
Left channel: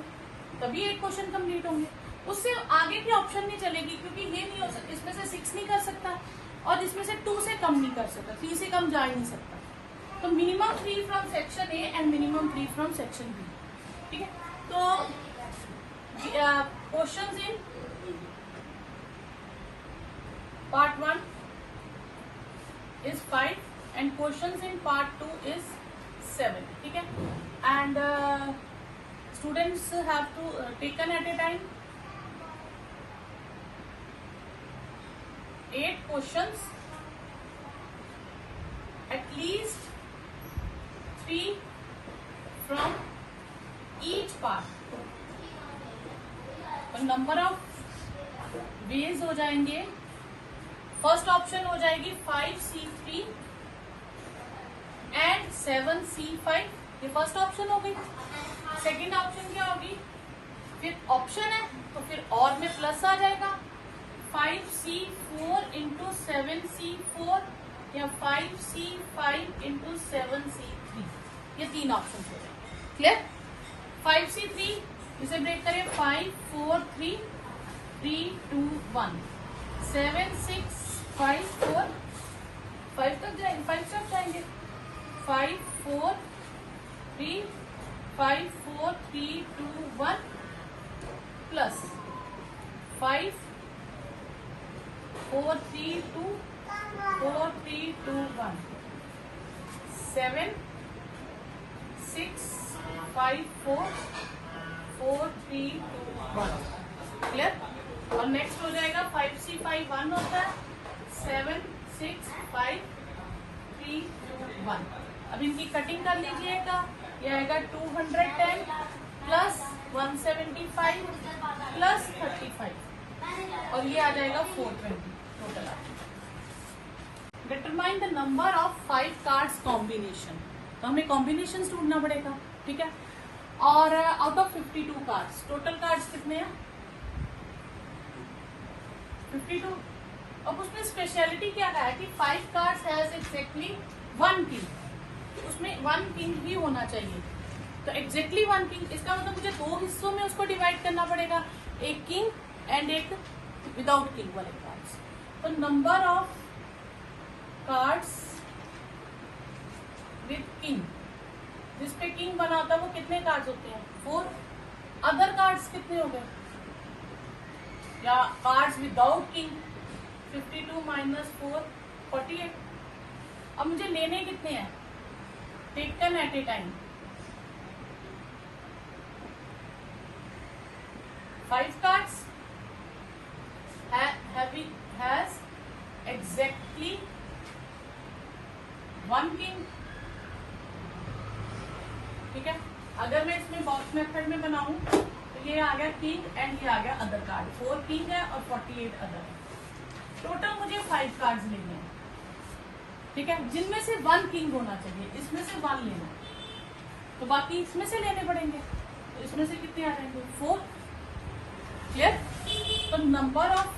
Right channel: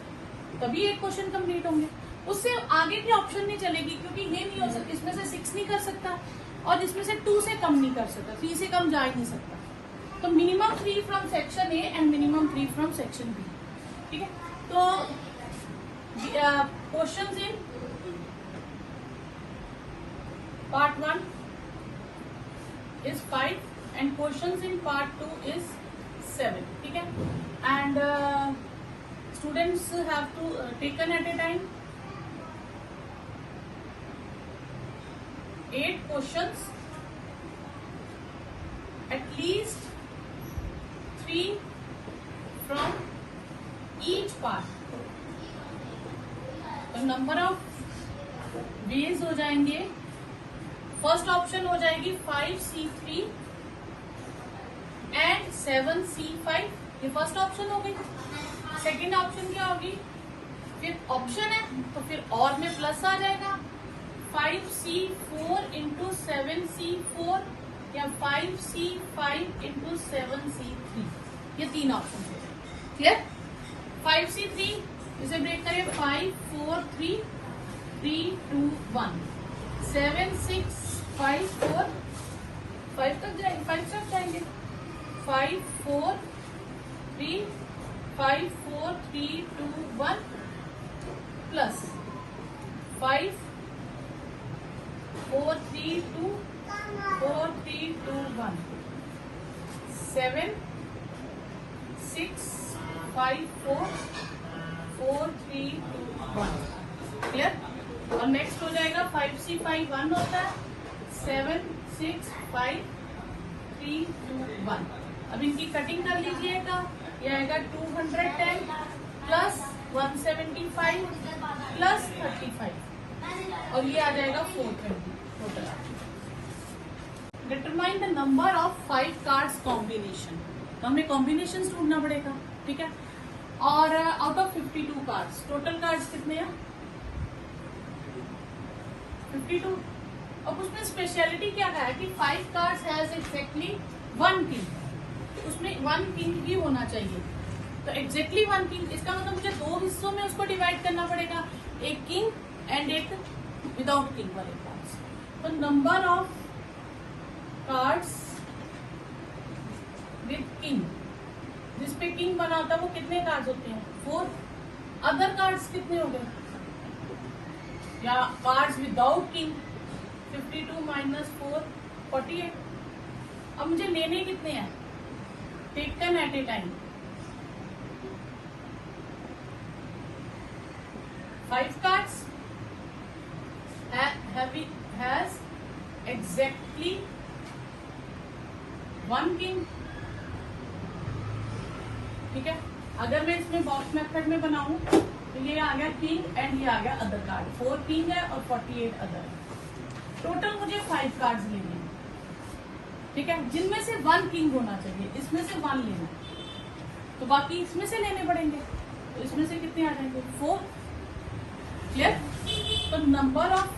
तभी एक क्वेश्चन कंप्लीट होंगे। उससे आगे की ऑप्शन नहीं चलेगी, क्योंकि ये नहीं हो सकता, इसमें से 6 नहीं कर सकता और इसमें से 2 से कम नहीं कर सकता, 3 से कम जा ही नहीं सकता। तो minimum 3 from section A and minimum 3 from section B. ठीक है, तो questions in part 1 is 5 and questions in part 2 is 7. ठीक है, and students have to taken at a time 8 questions, at least 3 from each part. तो नंबर ऑफ वेज हो जाएंगे, फर्स्ट ऑप्शन हो जाएगी 5C3 एंड 7C5, ये फर्स्ट ऑप्शन होगी। सेकंड ऑप्शन क्या होगी, फिर ऑप्शन है तो फिर और में प्लस आ जाएगा, 5C4 इंटू 7C4 या 5C5 इंटू 7C3, ये 3 ऑप्शन है। क्लियर? 5C3 इसे ब्रेक करें, 5 4 3 3 2 1, 7 6 5 4 5 तक जाएंगे, 5 तक जाएंगे, 5 4 3 5 4 3 2 1 प्लस 5 4 3 2 4 3 2 1, 7 6 5 4 4 3 2 1। क्लियर? और नेक्स्ट हो जाएगा 5C5 1 होता है, 7 6 5 3 2 1। अब इनकी कटिंग कर लीजिएगा, ये आएगा 210 प्लस 175 प्लस 35 और ये आ जाएगा 420 total. Determine the number of 5 cards combination, तो हमें कॉम्बिनेशन ढूंढना पड़ेगा। ठीक है, और out of 52 cards, total cards कितने हैं? 52। अब उसमें स्पेशलिटी क्या है कि 5 कार्ड्स हैज एक्जैक्टली 1 किंग, उसमें 1 किंग ही होना चाहिए। तो एक्जैक्टली 1 किंग, इसका मतलब मुझे 2 हिस्सों में उसको डिवाइड करना पड़ेगा, एक किंग एंड एक विदाउट किंग वाले कार्ड्स। तो number of cards with king, जिसपे किंग बना होता है वो कितने कार्ड्स होते हैं? 4। अदर कार्ड्स कितने हो गए, या कार्ड्स विदाउट किंग, 52 माइनस 4 48। अब मुझे लेने कितने हैं? Take them at a time. 5 cards has exactly 1 king. ठीक है, अगर मैं इसमें बॉक्स मेथड में बनाऊं तो ये आ गया किंग एंड ये आ गया अदर कार्ड, 4 किंग है और 48 अदर है। टोटल मुझे 5 कार्ड्स लेने हैं। ठीक है, जिनमें से 1 किंग होना चाहिए, इसमें से 1 लेना है, तो बाकी इसमें से लेने पड़ेंगे। तो इसमें से कितने आ जाएंगे? 4। क्लियर? तो number of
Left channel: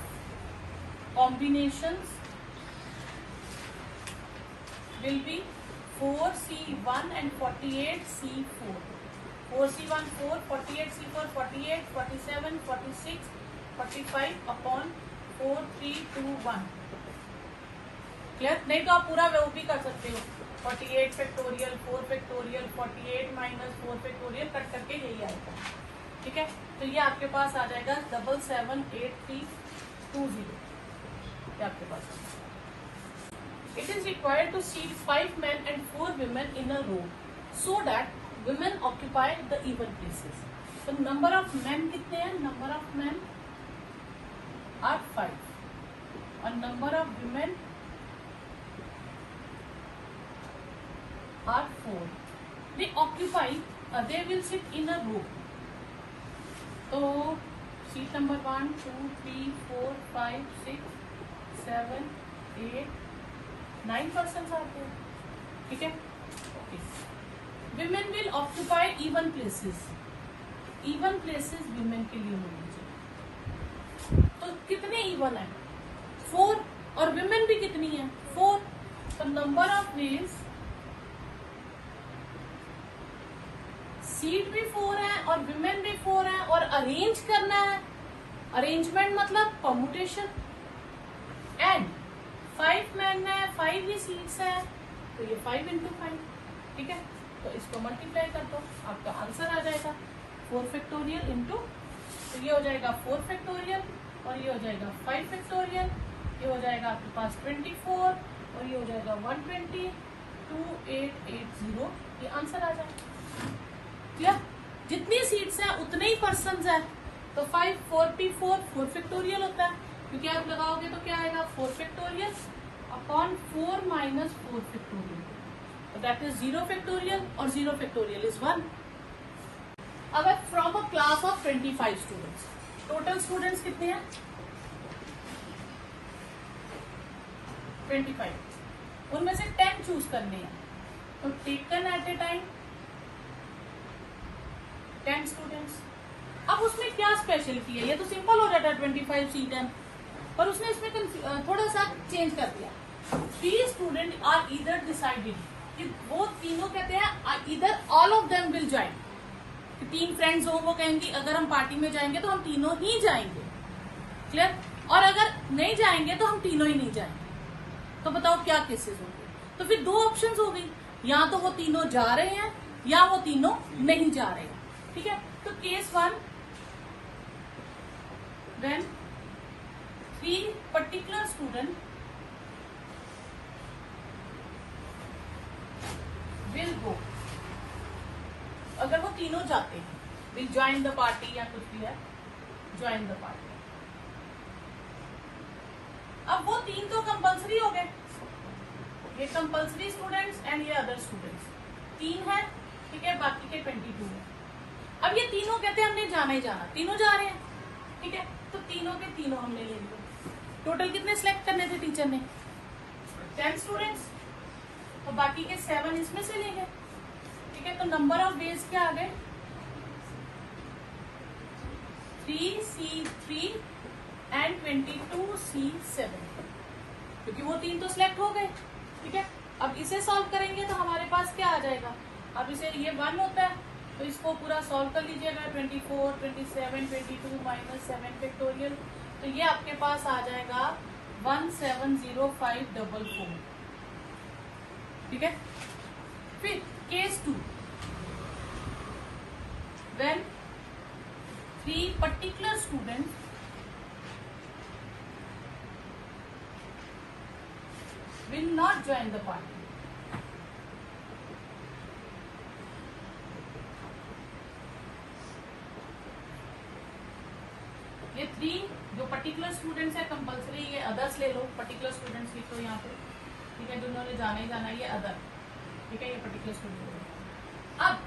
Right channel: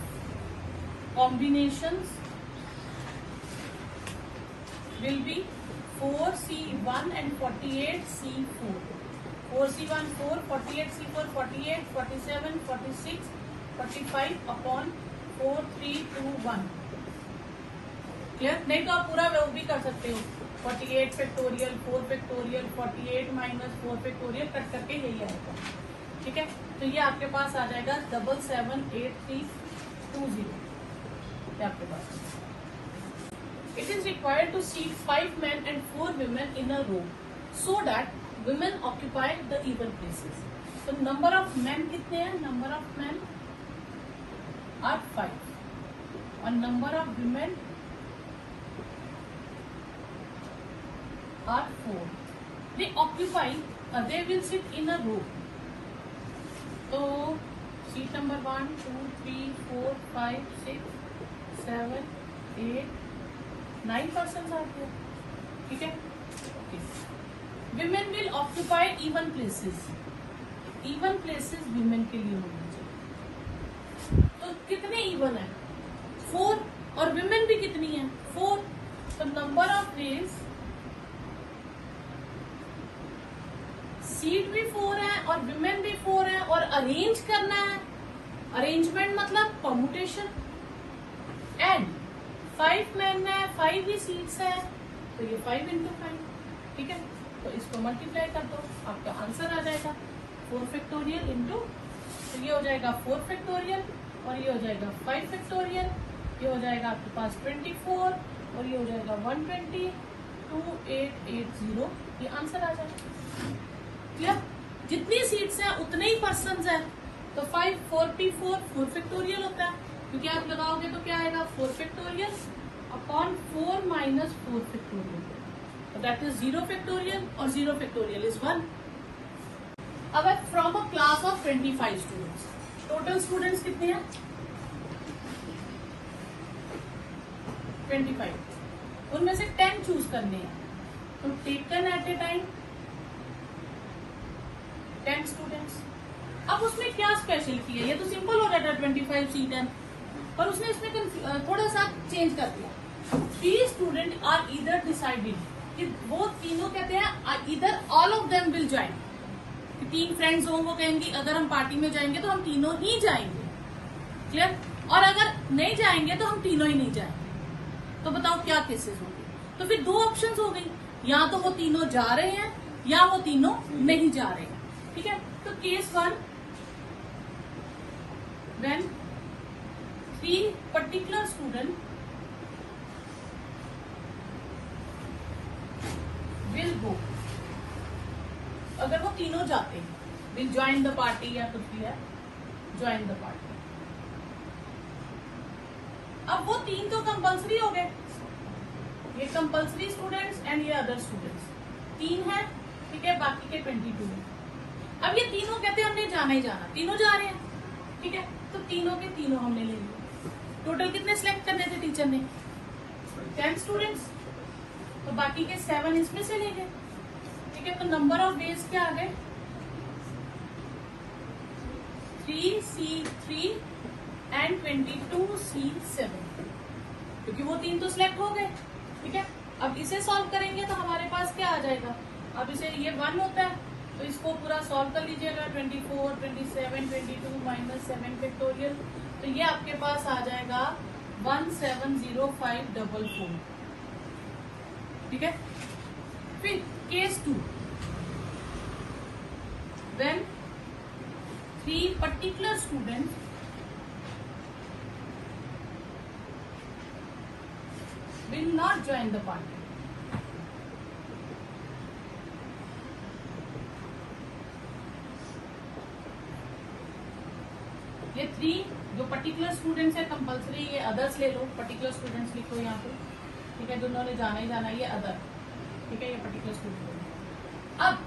combinations will be 4C1 and 48C4, 4C1 4, 48C4 48, 47 46 45 upon 4 3 2 1। Clear? नहीं तो आप पूरा वो भी कर सकते हो, 48 factorial 4 factorial 48 minus 4 factorial cut करके यही आएगा। ठीक है, तो ये आपके पास आ जाएगा 778320, ये आपके पास। It is required to seat 5 men and 4 women in a row so that women occupy the even places. So number of men कितने हैं? Number of men are 5 और number of women are 4. They occupy, they will sit in a row. So seat number 1 2 3 4 5 6 7 8 9 persons are here. ठीक है, women will occupy even places. Even places women के लिए होना चाहिए। तो कितने इवन है? 4। और विमेन भी कितनी है? 4। तो नंबर ऑफ वेज, सीट भी 4 है और विमेन भी 4 है, और अरेंज करना है, अरेंजमेंट मतलब परमुटेशन, एंड 5 मैन है, 5 भी सीट्स है, तो ये 5 into 5, ठीक है। तो इसको मल्टीप्लाई कर दो, आपका आंसर आ जाएगा 4 फैक्टोरियल इंटू, तो ये हो जाएगा 4 फैक्टोरियल और ये हो जाएगा 5 फैक्टोरियल, ये हो जाएगा आपके पास 24 और ये हो जाएगा 120, 2880, ये आंसर आ जाएगा। क्लियर? जितनी सीट्स हैं उतने ही पर्सन है, तो 544 4 फैक्टोरियल होता है, क्योंकि आप लगाओगे तो क्या आएगा 4 factorial upon 4 minus 4 factorial, that is 0 factorial, और 0 फैक्टोरियल इज 1। अब from a class of 25 students, total students कितने हैं? 25, उनमें से 10 चूज करने हैं, तो taken at a time 10 students. अब उसने क्या स्पेशल किया? ये तो सिंपल हो जाता है 25 C10, और उसने इसमें थोड़ा सा चेंज कर दिया। 3 स्टूडेंट आर ईदर डिसाइडेड, कि वो तीनों कहते हैं either all of them will join, 3 friends हो वो कहेंगे अगर हम पार्टी में जाएंगे तो हम तीनों ही जाएंगे, क्लियर? और अगर नहीं जाएंगे तो हम तीनों ही नहीं जाएंगे। तो बताओ क्या केसेस होंगे? तो फिर 2 ऑप्शंस हो गई, या तो वो तीनों जा रहे हैं या वो तीनों नहीं जा रहे हैं, ठीक है। तो case 1, when 3 particular student will go, अगर वो तीनों जाते हैं, will join the party या कुछ भी है, join the party। अब वो 3 तो कंपल्सरी हो गए, ये कंपल्सरी स्टूडेंट्स एंड ये अदर स्टूडेंट्स 3 है, ठीक है, बाकी के 22 है। अब ये तीनों कहते हैं हमने जाना ही जाना, तीनों जा रहे हैं, ठीक है, तो तीनों के तीनों हमने ले लिए। टोटल कितने सिलेक्ट करने थे टीचर ने? 10 स्टूडेंट्स, तो बाकी के 7 इसमें से ले गए, ठीक है। तो नंबर ऑफ डेज क्या आ गए? 3C3 एंड 22C7, क्योंकि वो 3 तो सिलेक्ट हो गए, ठीक है। अब इसे सॉल्व करेंगे तो हमारे पास क्या आ जाएगा? अब इसे ये 1 होता है, तो इसको पूरा सॉल्व कर लीजिएगा, 24, 27, 22 माइनस 7 फैक्टोरियल, तो ये आपके पास आ जाएगा 170544, ठीक है। फिर case 2, when 3 particular students will not join the party, ये 3 जो पर्टिकुलर स्टूडेंट्स है कंपल्सरी, ये अदर्स ले लो, पर्टिकुलर स्टूडेंट्स लिखो यहाँ पे, ठीक है, दोनों ने जाना ही जाना, ये अदर, ठीक है, ये पर्टिकुलर स्टूडेंट। अब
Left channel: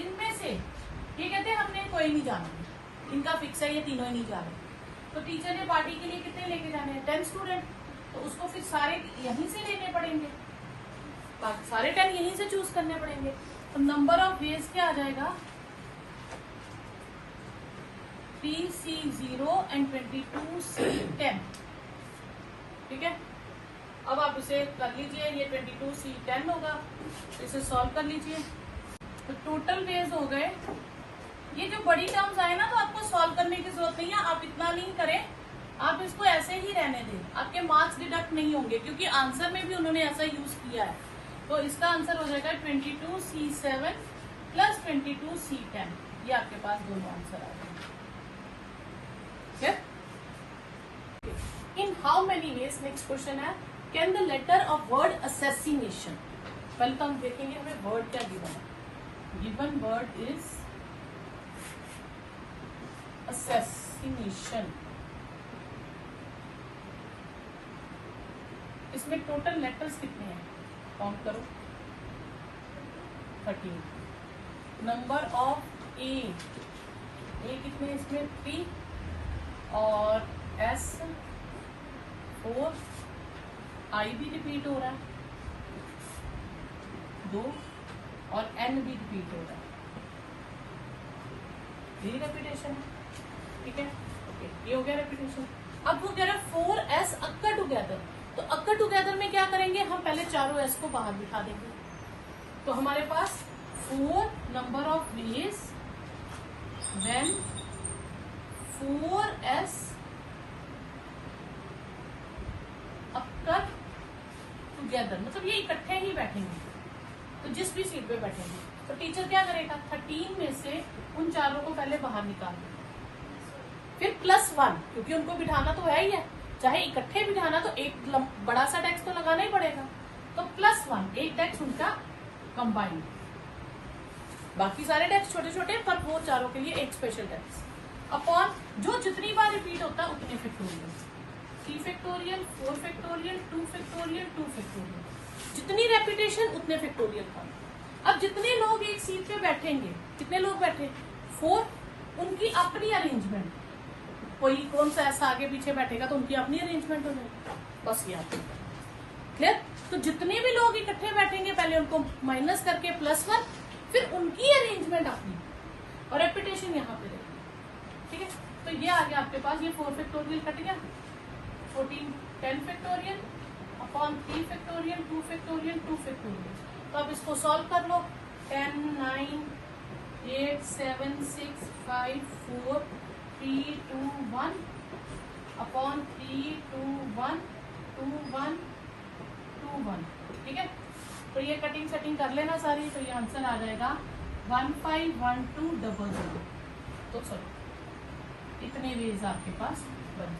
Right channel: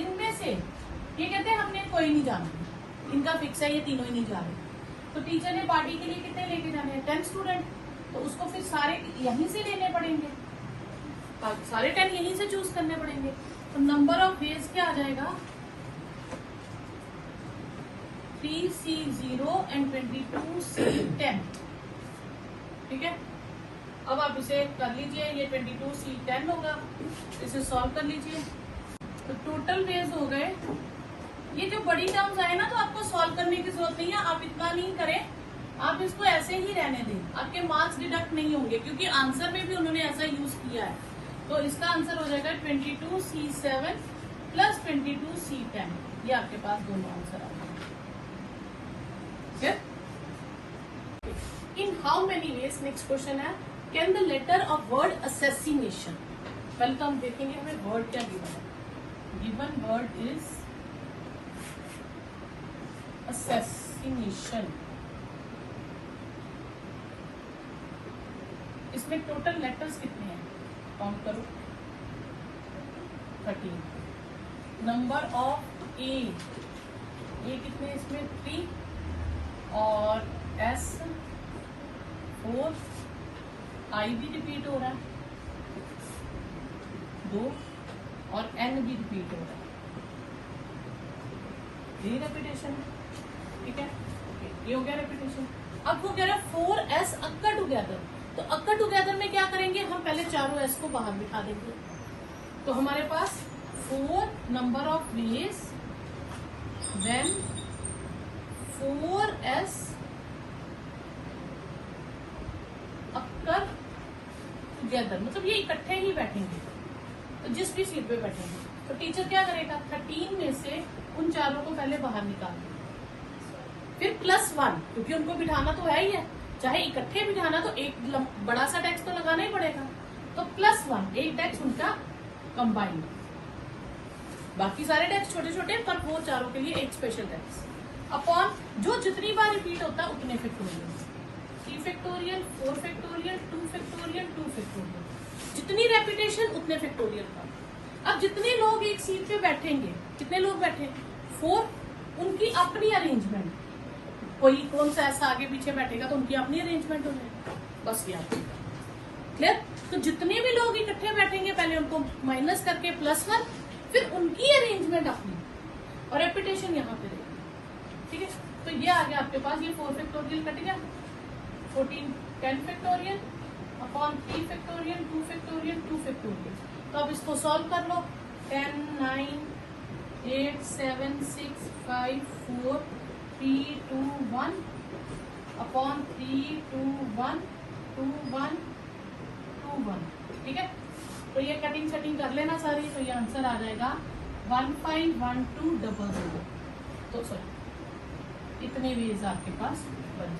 इनमें से ये कहते हैं हमने कोई नहीं जाना, इनका फिक्स है, ये तीनों ही नहीं जा रहे, तो टीचर ने पार्टी के लिए कितने लेके जाने हैं? 10 स्टूडेंट, तो उसको फिर सारे यहीं से लेने पड़ेंगे, सारे 10 यहीं से चूज करने पड़ेंगे। तो नंबर ऑफ वेज क्या आ जाएगा? 3C0 एंड 22C10, ठीक है। अब आप इसे कर लीजिए, ये 22C10 होगा, इसे सॉल्व कर लीजिए, तो टोटल वेज हो गए। ये जो बड़ी टर्म्स आए ना, तो आपको सॉल्व करने की जरूरत नहीं है, आप इतना नहीं करें, आप इसको ऐसे ही रहने दें, आपके मार्क्स डिडक्ट नहीं होंगे, क्योंकि आंसर में भी उन्होंने ऐसा यूज किया है। तो इसका आंसर हो जाएगा 22C7 प्लस 22C10, ये आपके पास दोनों आंसर आ जाएंगे। In how many ways, next question है, can the letter of word assassination, कल तो हम देखेंगे हमें वर्ड क्या गिवन है। गिवन वर्ड इज assassination, इसमें टोटल लेटर्स कितने हैं? काउंट करो, 13। नंबर ऑफ ए कितने इसमें? 3, और एस 4, आई भी रिपीट हो रहा है 2, और एन भी रिपीट हो रहा है, ये रेपिटेशन है, ठीक है। ये हो गया रेपिटेशन। अब वो कह रहा है 4s अक्कर टुगेदर, तो अक्कर टुगेदर में क्या करेंगे, हम पहले चारों s को बाहर दिखा देंगे। तो हमारे पास 4 number of ways when 4s occur together, मतलब ये इकट्ठे ही बैठेंगे, तो जिस भी सीट पे बैठेंगे। तो टीचर क्या करेगा, 13 में से उन चारों को पहले बाहर निकाल देगा, फिर +1, क्योंकि उनको बिठाना तो है ही है, चाहे इकट्ठे बिठाना तो एक बड़ा सा डेस्क तो लगाना ही पड़ेगा, तो +1 एक डेस्क उनका कंबाइंड, बाकी सारे डेस्क छोटे छोटे, पर वो चारों के लिए एक स्पेशल डेस्क, अपॉन जो जितनी बार रिपीट होता है उतने factorial, 3 factorial, 4 factorial, 2 factorial, 2 factorial, जितनी रेपिटेशन उतने फैक्टोरियल का। अब जितने लोग एक सीट पे बैठेंगे, कितने लोग बैठे, 4, उनकी अपनी अरेंजमेंट, कोई कौन सा ऐसा आगे पीछे बैठेगा तो उनकी अपनी अरेंजमेंट हो जाएगी, बस ये क्लियर। तो जितने भी लोग इकट्ठे बैठेंगे पहले उनको माइनस करके +1, फिर उनकी अरेंजमेंट अपनी, और रेपिटेशन यहाँ पे रहेगी, ठीक है। तो ये आ गया आपके पास, ये 4 फैक्टोरियल कट गया, 14 10 factorial upon 3 factorial, 2 factorial, 2 factorial. तो अब इसको सॉल्व कर लो, 10 9 8 7 6 5 4 3 2 1 अपॉन 3 2 1 2 1 2 1, ठीक है। तो ये कटिंग सेटिंग कर लेना सारी, तो ये आंसर आ जाएगा 151200। तो सर इतने वेज आपके पास बन,